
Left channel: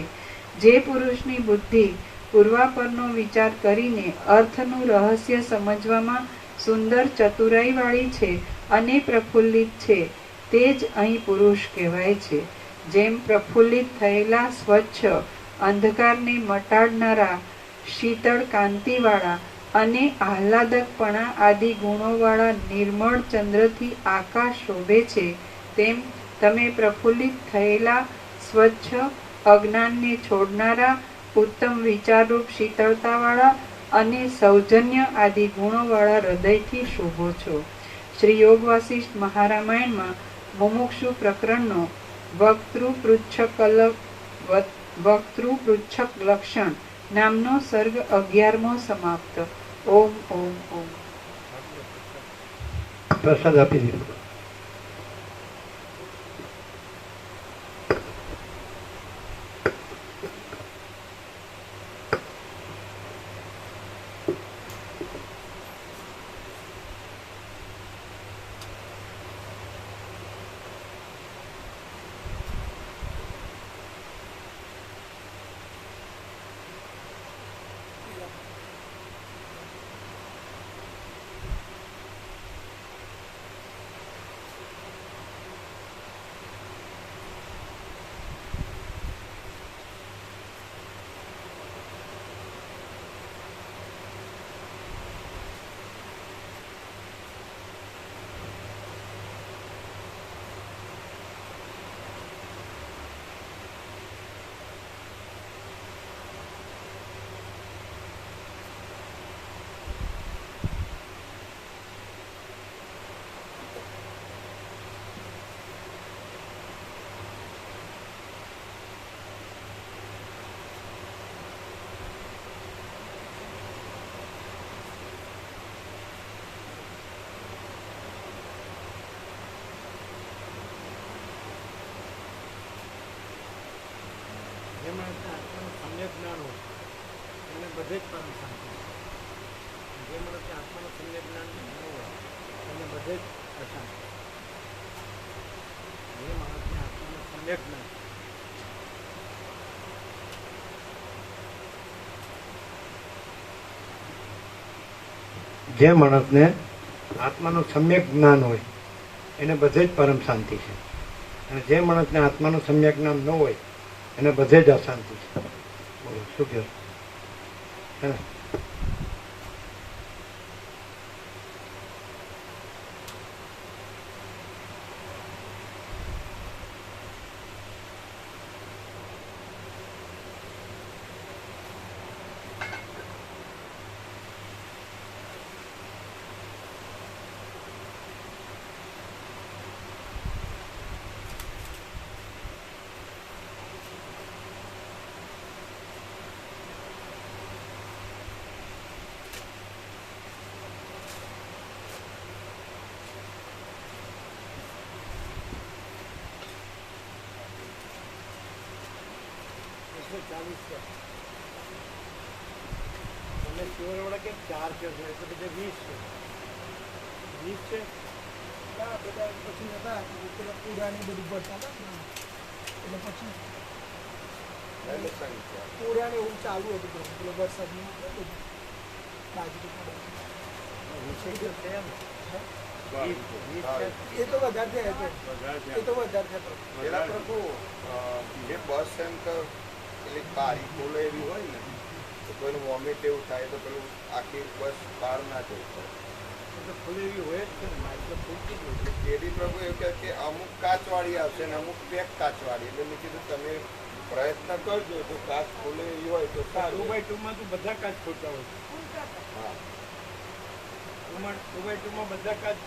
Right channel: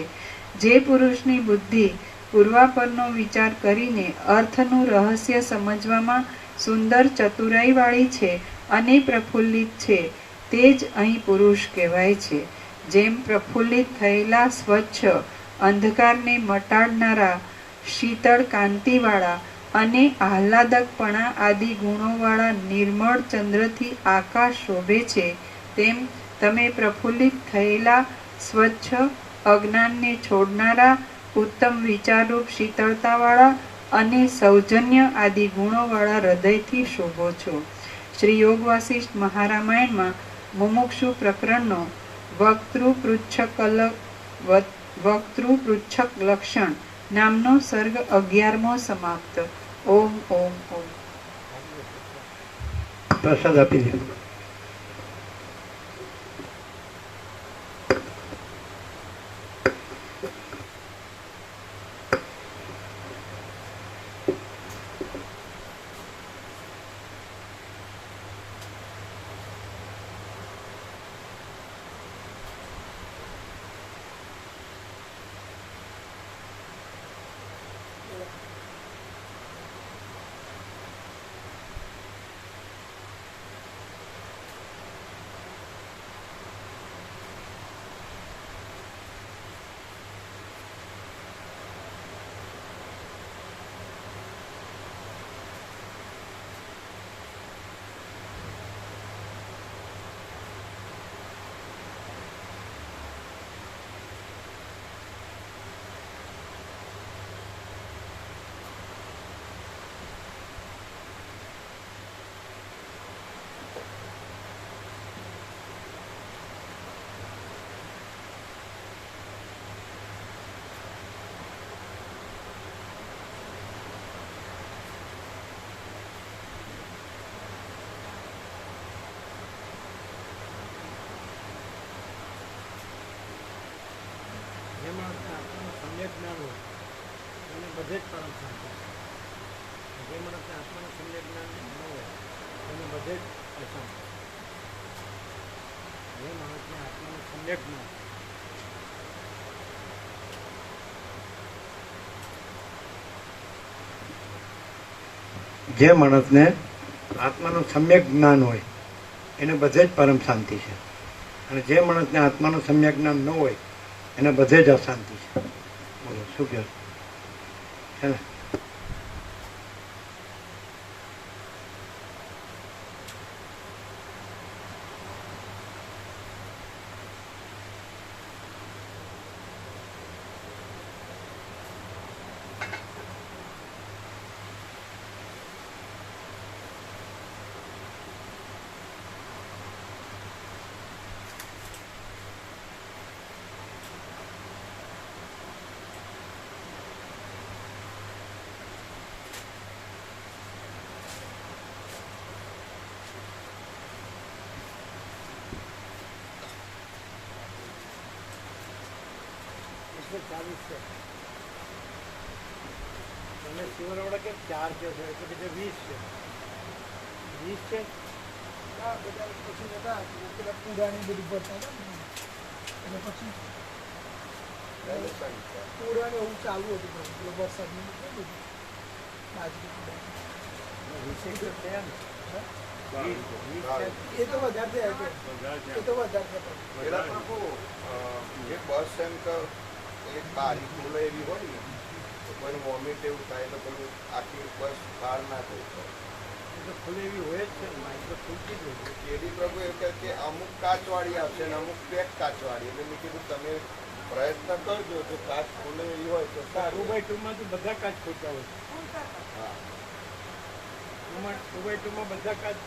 જે પુરુષની બુદ્ધિ પૂર્વાપરનો વિચાર કરીને અર્થનું રહસ્ય સમજવામાં સુંદર ચતુરાઈવાળી છે અને પ્રફુલ્લિત છે, તે જ અહીં પુરુષ કહેવાય છે. જેમ પ્રફુલ્લિત થયેલા સ્વચ્છ અંધકારને મટાડનારા શીતળ કાંતિવાળા અને આહ્લાદકપણા આદિ ગુણોવાળા નિર્મળ ચંદ્રથી આકાશ શોભે છે, તેમ તમે પ્રફુલ્લિત થયેલા સ્વચ્છ અજ્ઞાનને છોડનારા ઉત્તમ વિચારરૂપ શીતળતાવાળા અને સૌજન્ય આદિ ગુણોવાળા હૃદયથી શોભો છો. શ્રી યોગ વાસિષ્ઠ મહારામાયણમાં મુમુક્ષુ પ્રકરણનો વક્તૃપૃચ્છક લક્ષણ નામનો સર્ગ 11મો સમાપ્ત. ઓમ ઓમ ઓમ. પ્રસાદ આપી દીધો. માણસને આત્માનું સમ્યક જ્ઞાન હોય એને બધે જ પરમ શાંતિ છે. જે માણસને આત્માનું સમ્યક જ્ઞાન ન હોય એને બધે જ અશાંતિ છે. જે માણસને આત્માનું સમ્યક જ્ઞાન જે માણસને આત્માનું સમ્યક જ્ઞાન હોય એને બધે જ પરમ શાંતિ છે. અને જે માણસને આત્માનું સમ્યક જ્ઞાન ન હોય એને બધે જ અશાંતિ છે. બોલો શું કહે છે ને? ચાલીસ છે. તમે શિવરવાળા કેમ 4 કહો છો? એટલે કે જે 20 છે. 20 છે. બધા પછી જતા પેલા પૂરાની બધું ભરતા હતા ને. એટલે પછી પૂરાને એવું ચાલુ હતું પેલો વરસાદનું બધું બાજુ વિષય તો છે ને. 20 છે. એ તો વધારે થયા છે. એ તો વધારે થયા. પેલા પ્રભુ જે બસ સેન્ટર એક બારી ખોલે એવી હોય ને તો કોઈનું વોમિટ એવું થાય તો પેલું આખી બસ બહાર ના જવું પડે. એ તો ખુલ્લી એવી હોય જ છે ને. માઇક તો ખુલતી જ હોય છે. એડી પ્રભુ એવું કહે કે અમુક કાચવાળી આવશે ને અમુક પેક કાચવાળી. એટલે મેં કીધું તમે પ્રયત્ન કરજો તો કાચ ખોલે એવી હોય તો 2x2 માં તો બધા કાચ ખોલતા હોય છે. હા 2x2 માં બધા કાચ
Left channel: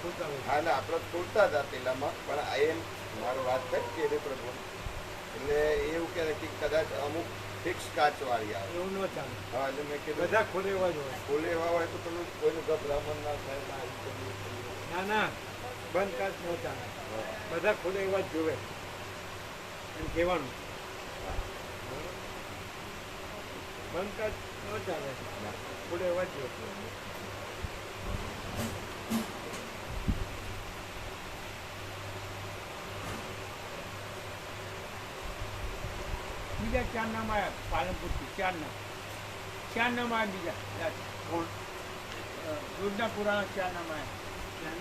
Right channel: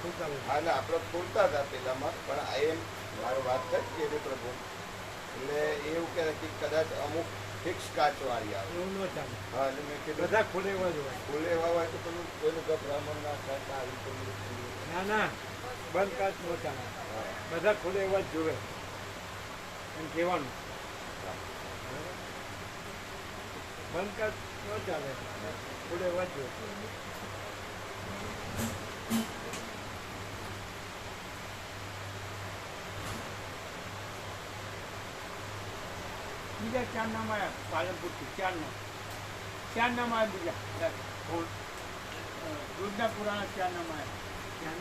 ખોલતા હોય છે. એટલે આપણે ખોલતા હતા પેલામાં પણ એમ મારો વાત કરી કે એડી પ્રભુ એટલે એવું કહે કે કદાચ અમુક ફિક્સ કાચવાળી આવે. એવું ન ચાલે. હા એટલે મેં કીધું બધા ખોલે એવા જ હોય. ખોલે એવા હોય તો પેલું કોઈનું ગભરામણ ના થાય ને આવી પેલું ના ના, બંધ કાચ ન ચાલે. બધા ખોલે એવા જ જોવે એમ કહેવાનું. બંધ કાચ ન ચાલે, ખોલે એવા જ જોવે. બીજા 4 નામ આવ્યા પાલનપુરથી. 4 નામ આવ્યા બીજા. કોણ? યોજનાપુરાના 4 નામ આવ્યા.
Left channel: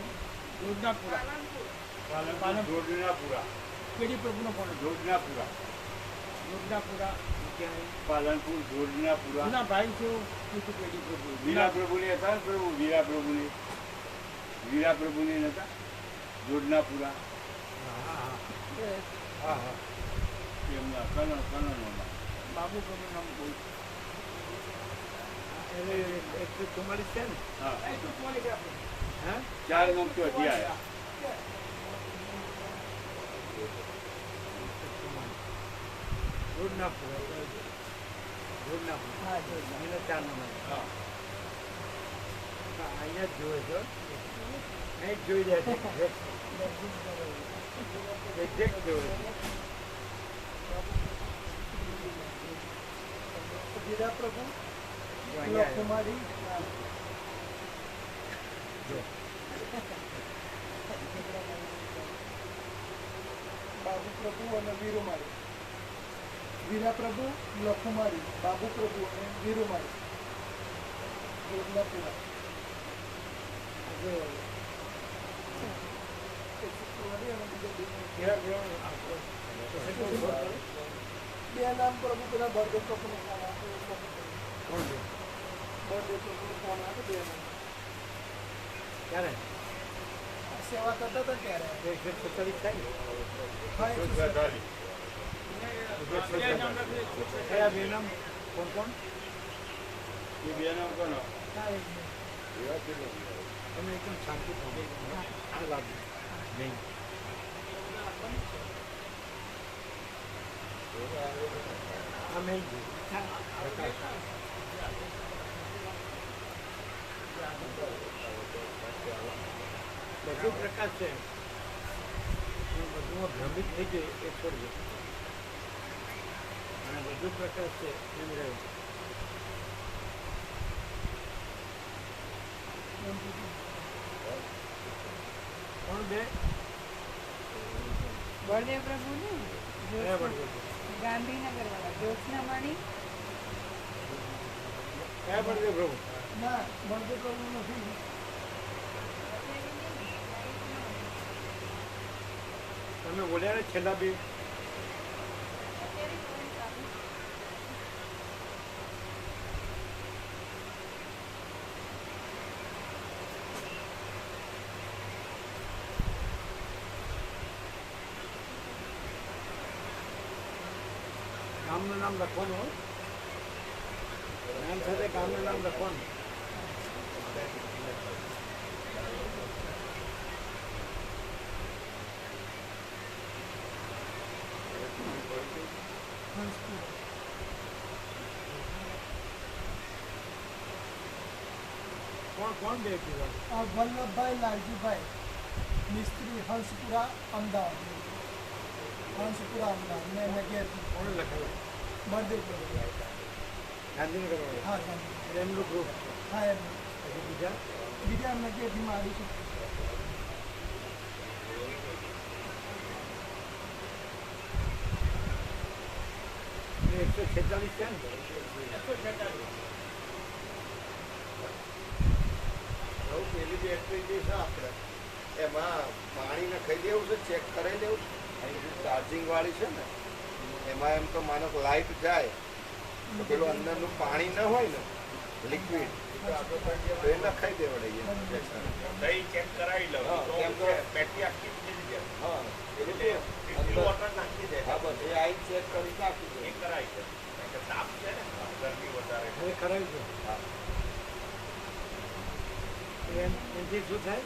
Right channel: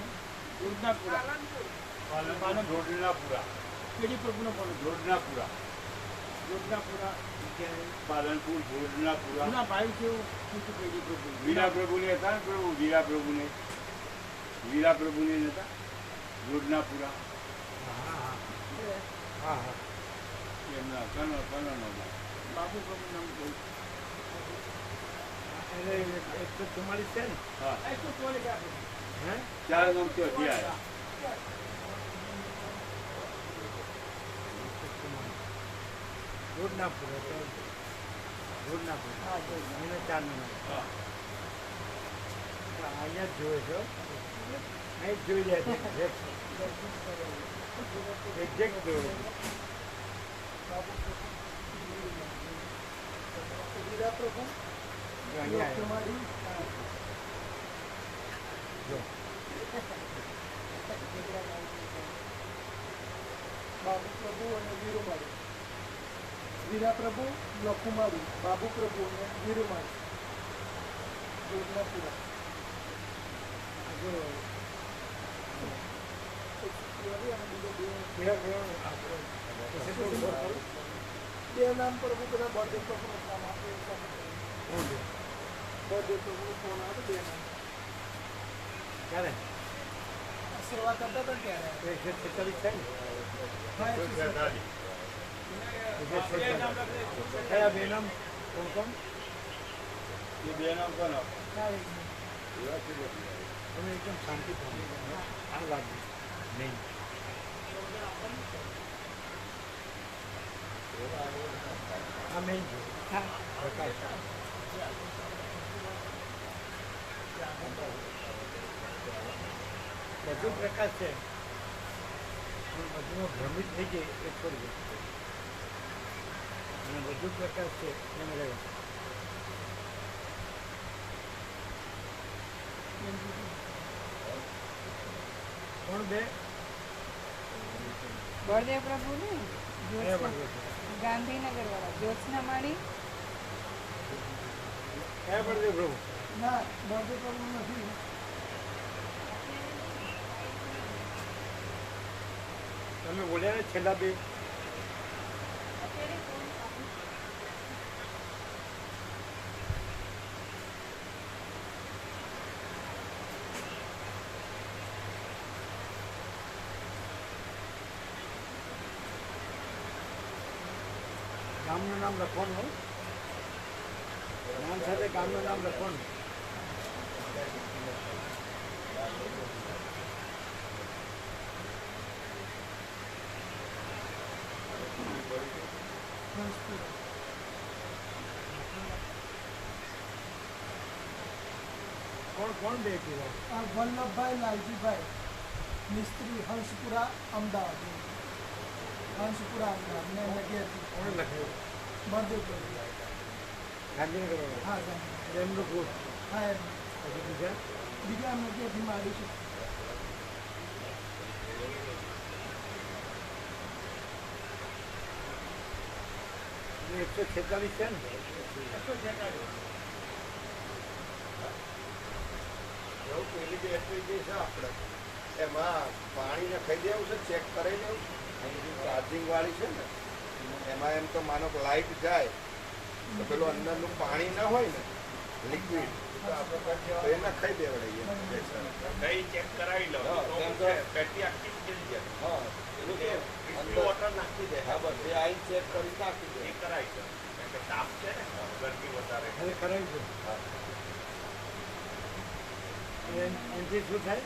યોજનાપુરા જોડનાપુરા. કેડી પ્રભુનો પણ જોડનાપુરા. યોજનાપુરા પાલનપુર જોડનાપુરા. ના ભાઈ છે એવું કીધું કેડી પ્રભુ. વીરા પ્રભુની હતા ને પ્રભુ. વીરા પ્રભુની નતા જોડનાપુરા. હા હા હા. એમના કનોમાં બાબુ પ્રભુ નામ બહુ એટલે 144 છે ને. એ તો ચોલે ગયા હે 4 નંબર થયા. જોડનાપુરા તો જોડનાપુરા એને 4 નંબર. અહીંયા જ જોવે છો. અહીં જ જોઈ જાય છે. એક્ઝેક્ટ જોવે છે. વીરા પ્રભુ જો અહીંયા આવ્યો. કુમારી જો બાબુ પ્રભુ અને વીરુમાળી. વીરા પ્રભુ, યકુમારી, બાબુ પ્રભુ અને વીરુમાળી. યોજનાપુરા. જો કેવા પ્રમાણે આપણે કેટલું બોલ કરું? 2 નામ પ્રભુ પેલા બળદેવ પ્રભુનો નામ આપે. કોણ છે? બળદેવ પ્રભુનો ફોન આવે 2 નામ. ક્યારે? સેવા કરતા હતા ત્યારે. 146 થાય ને. હા, 146. કયા 2 નામ? કોણ કોણ? એ 2 નામ કોણ? તમે એકદમ શાંતિ પામો. આ લાગુ નહીં. આ મેં પ્રકાશ. બધું પ્રકાશ છે પણ બધું ભ્રમિત થઈ જાય એ છોડી દે. અને વધુ પ્રકાશ છે એમ રહે. કોણ બે બળદેવ પ્રભુ ને કયા બળદેવ? ગાંધીનગર વાળા જ્યોત્સના માળી. કયા બળદેવ પ્રભુ? ના બળદેવ પ્રભુ નથી. તમે બોલ્યા ને છેલ્લા બે. ગામનું નામ લખવાનું હોય, નામ સાથે ગામનું નામ લખવાનું. કોણ કોણ બે કીધા? વલ્લભભાઈ લાલજીભાઈ મિસ્ત્રી હંસપુરા અમદાવાદ. હંસપુરા અમદાવાદ મેં નગેરથી કોણ લખાયું? બળદેવ પ્રભુ. ગાંધીનગર વાળા. હા ગાંધી. એમનું ગ્રુપ. હા એમ પછી બીજા બીજા નગેરથી મારી છું. અને 146 છે ને? એવું પેલી બેટરી જે છે આપણે એમાં પાણી નખાઈ દેવું છે, ચેક કરાવી દેવું. ચાર્જિંગ વાળી છે ને એમાં એમ તો માનો કે લાઇટ જાય તો પેલું અંદરનું પાણી ન હોય ને લિક્વિડ તો એ નખાઈ દેવડાઈએ. કઈ ચેક કરાવી લો હા, તો કેમ કે બેટરી આખી થઈ જાય. હા પેલું કે ડિસ્ટિલ વોટર નાખી દે. હા બસ એ આઈ ચેક કરી નાખી દે. એ કરાય છે કારણ કે તાપ છે ને ગરમી વધારે. હવે કરાવી છે. હા. એનાથી શું થાય?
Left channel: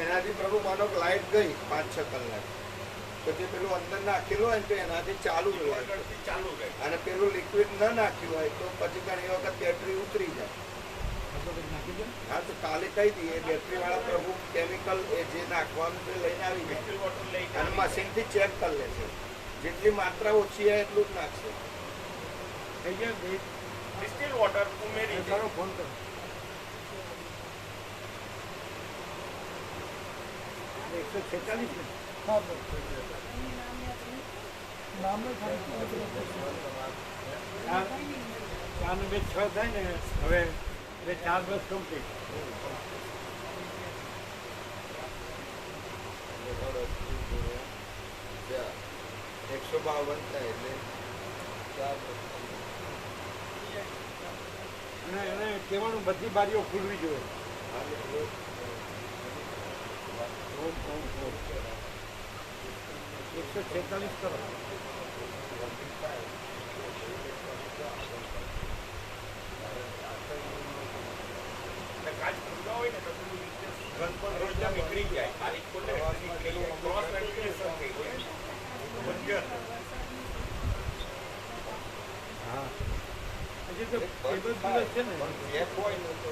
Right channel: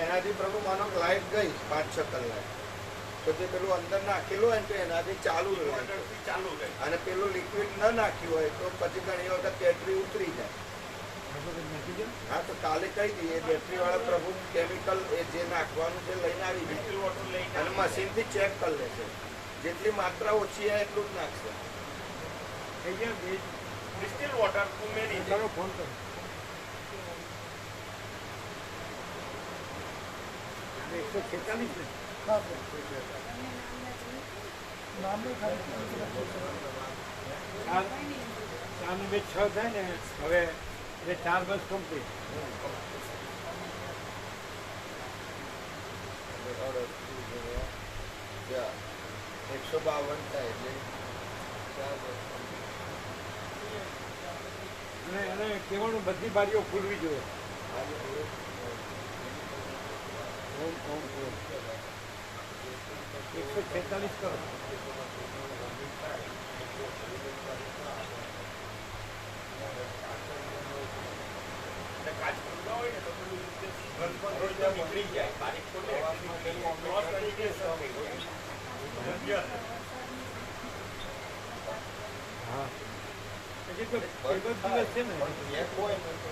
એનાથી પ્રભુ માનો કે લાઇટ ગઈ 5-6 કલાક તો જે પેલું અંદર નાખેલું હોય ને તો એનાથી ચાલુ રહે. આગળથી ચાલુ થાય. અને પેલું લિક્વિડ ન નાખ્યું હોય તો પછી ઘણી વખત બેટરી ઉતરી જાય. આપણે કંઈક નાખી દો. હા તો કાલે કહી દઈએ બેટરી વાળા પ્રભુ કેમિકલ એ જે નાખવાનું છે લઈને આવી જાય ડિસ્ટિલ વોટર લઈને અને મશીનથી ચેક કરી લેશે. જેટલી માત્રા ઓછી હોય એટલું જ નાખશે. થઈ ગયા બે. ડિસ્ટિલ વોટર ઉમેરી દે. કરો, ફોન કરો. 146 ને? હા બસ. નામે ખાલી 4 ને 2 6 થાય ને. હવે એટલે 4 બસ કમ્પ્લીટ. 152 થાય એટલે 4 અને એને કહેવાનું બધી બારીઓ ખુલવી જોઈએ. ઓમ ઓમ ઓમ. 146 કરો. કાચ ખુલ્લા હોય ને તો પેલું ઘર પર રોજ નીકળી જાય. બારીક ખોલે પેલું ક્રોસ વેરિફિકેશન થઈ ગયું. હા. હજી તો પેલો જ દિવસ છે ને. ચેક હોય ને તો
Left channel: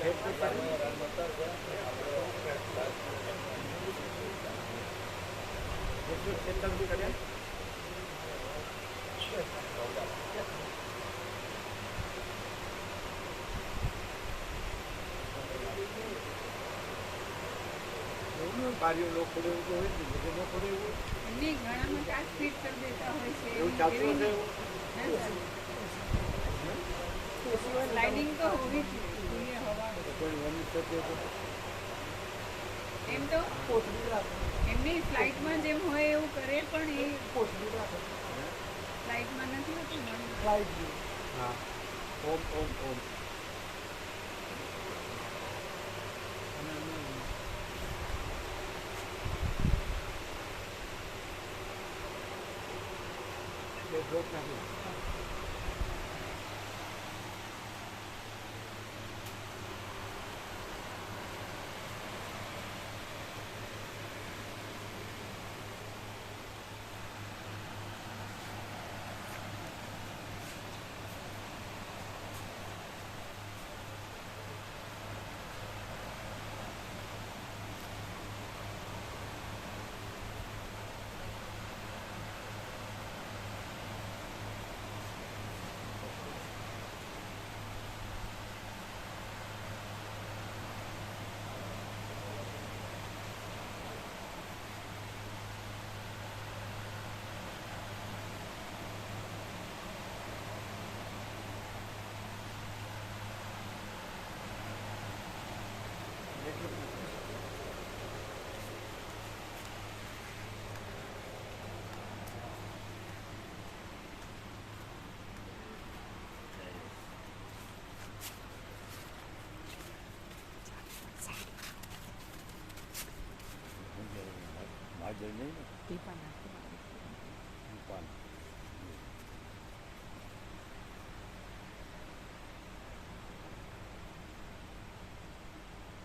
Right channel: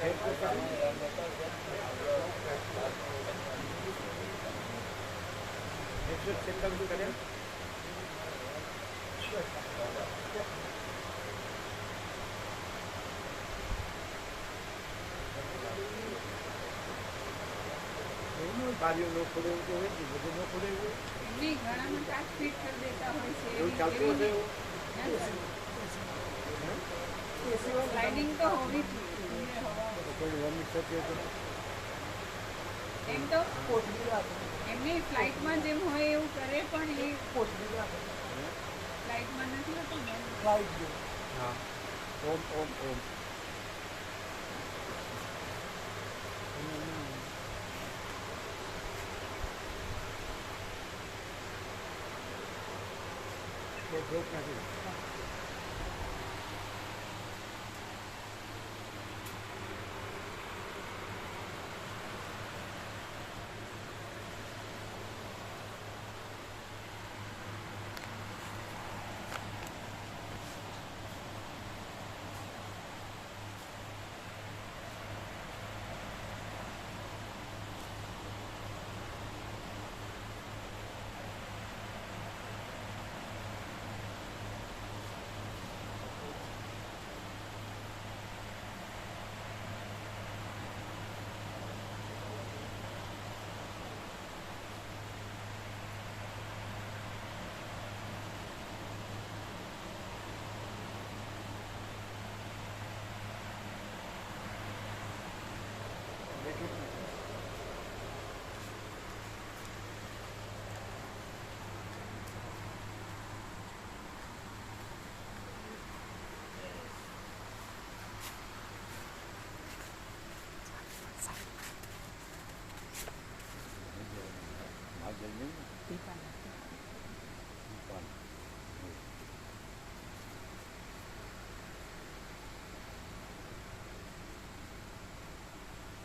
ફેર તો કરે. 146 કર્યા. એવું નહીં, બારીઓ ન ખોલે એવું તો હોય જ નહીં. બધું ન ખોલે એવું હોય. એમની ઘણાનું કાચ ફિટ કરી દેતા હોય છે. એવું ચાલતું હશે એવું? લાઇટિંગ તો હોવી જ જોઈએ. હવા તો કોઈ વોમિટ થતી હોય તો? એમ તો કોથળી રાખો. એમની ફ્લાઇટમાં જેમ હોય એવું કરે પણ એ કોથળી રાખો. ફ્લાઇટમાં નથી હોતું ને. લાઈટ જેવું. હા. ઓમ ઓમ ઓમ. અને એમાં બે ડ્રોપ નાખી દો. દીપાના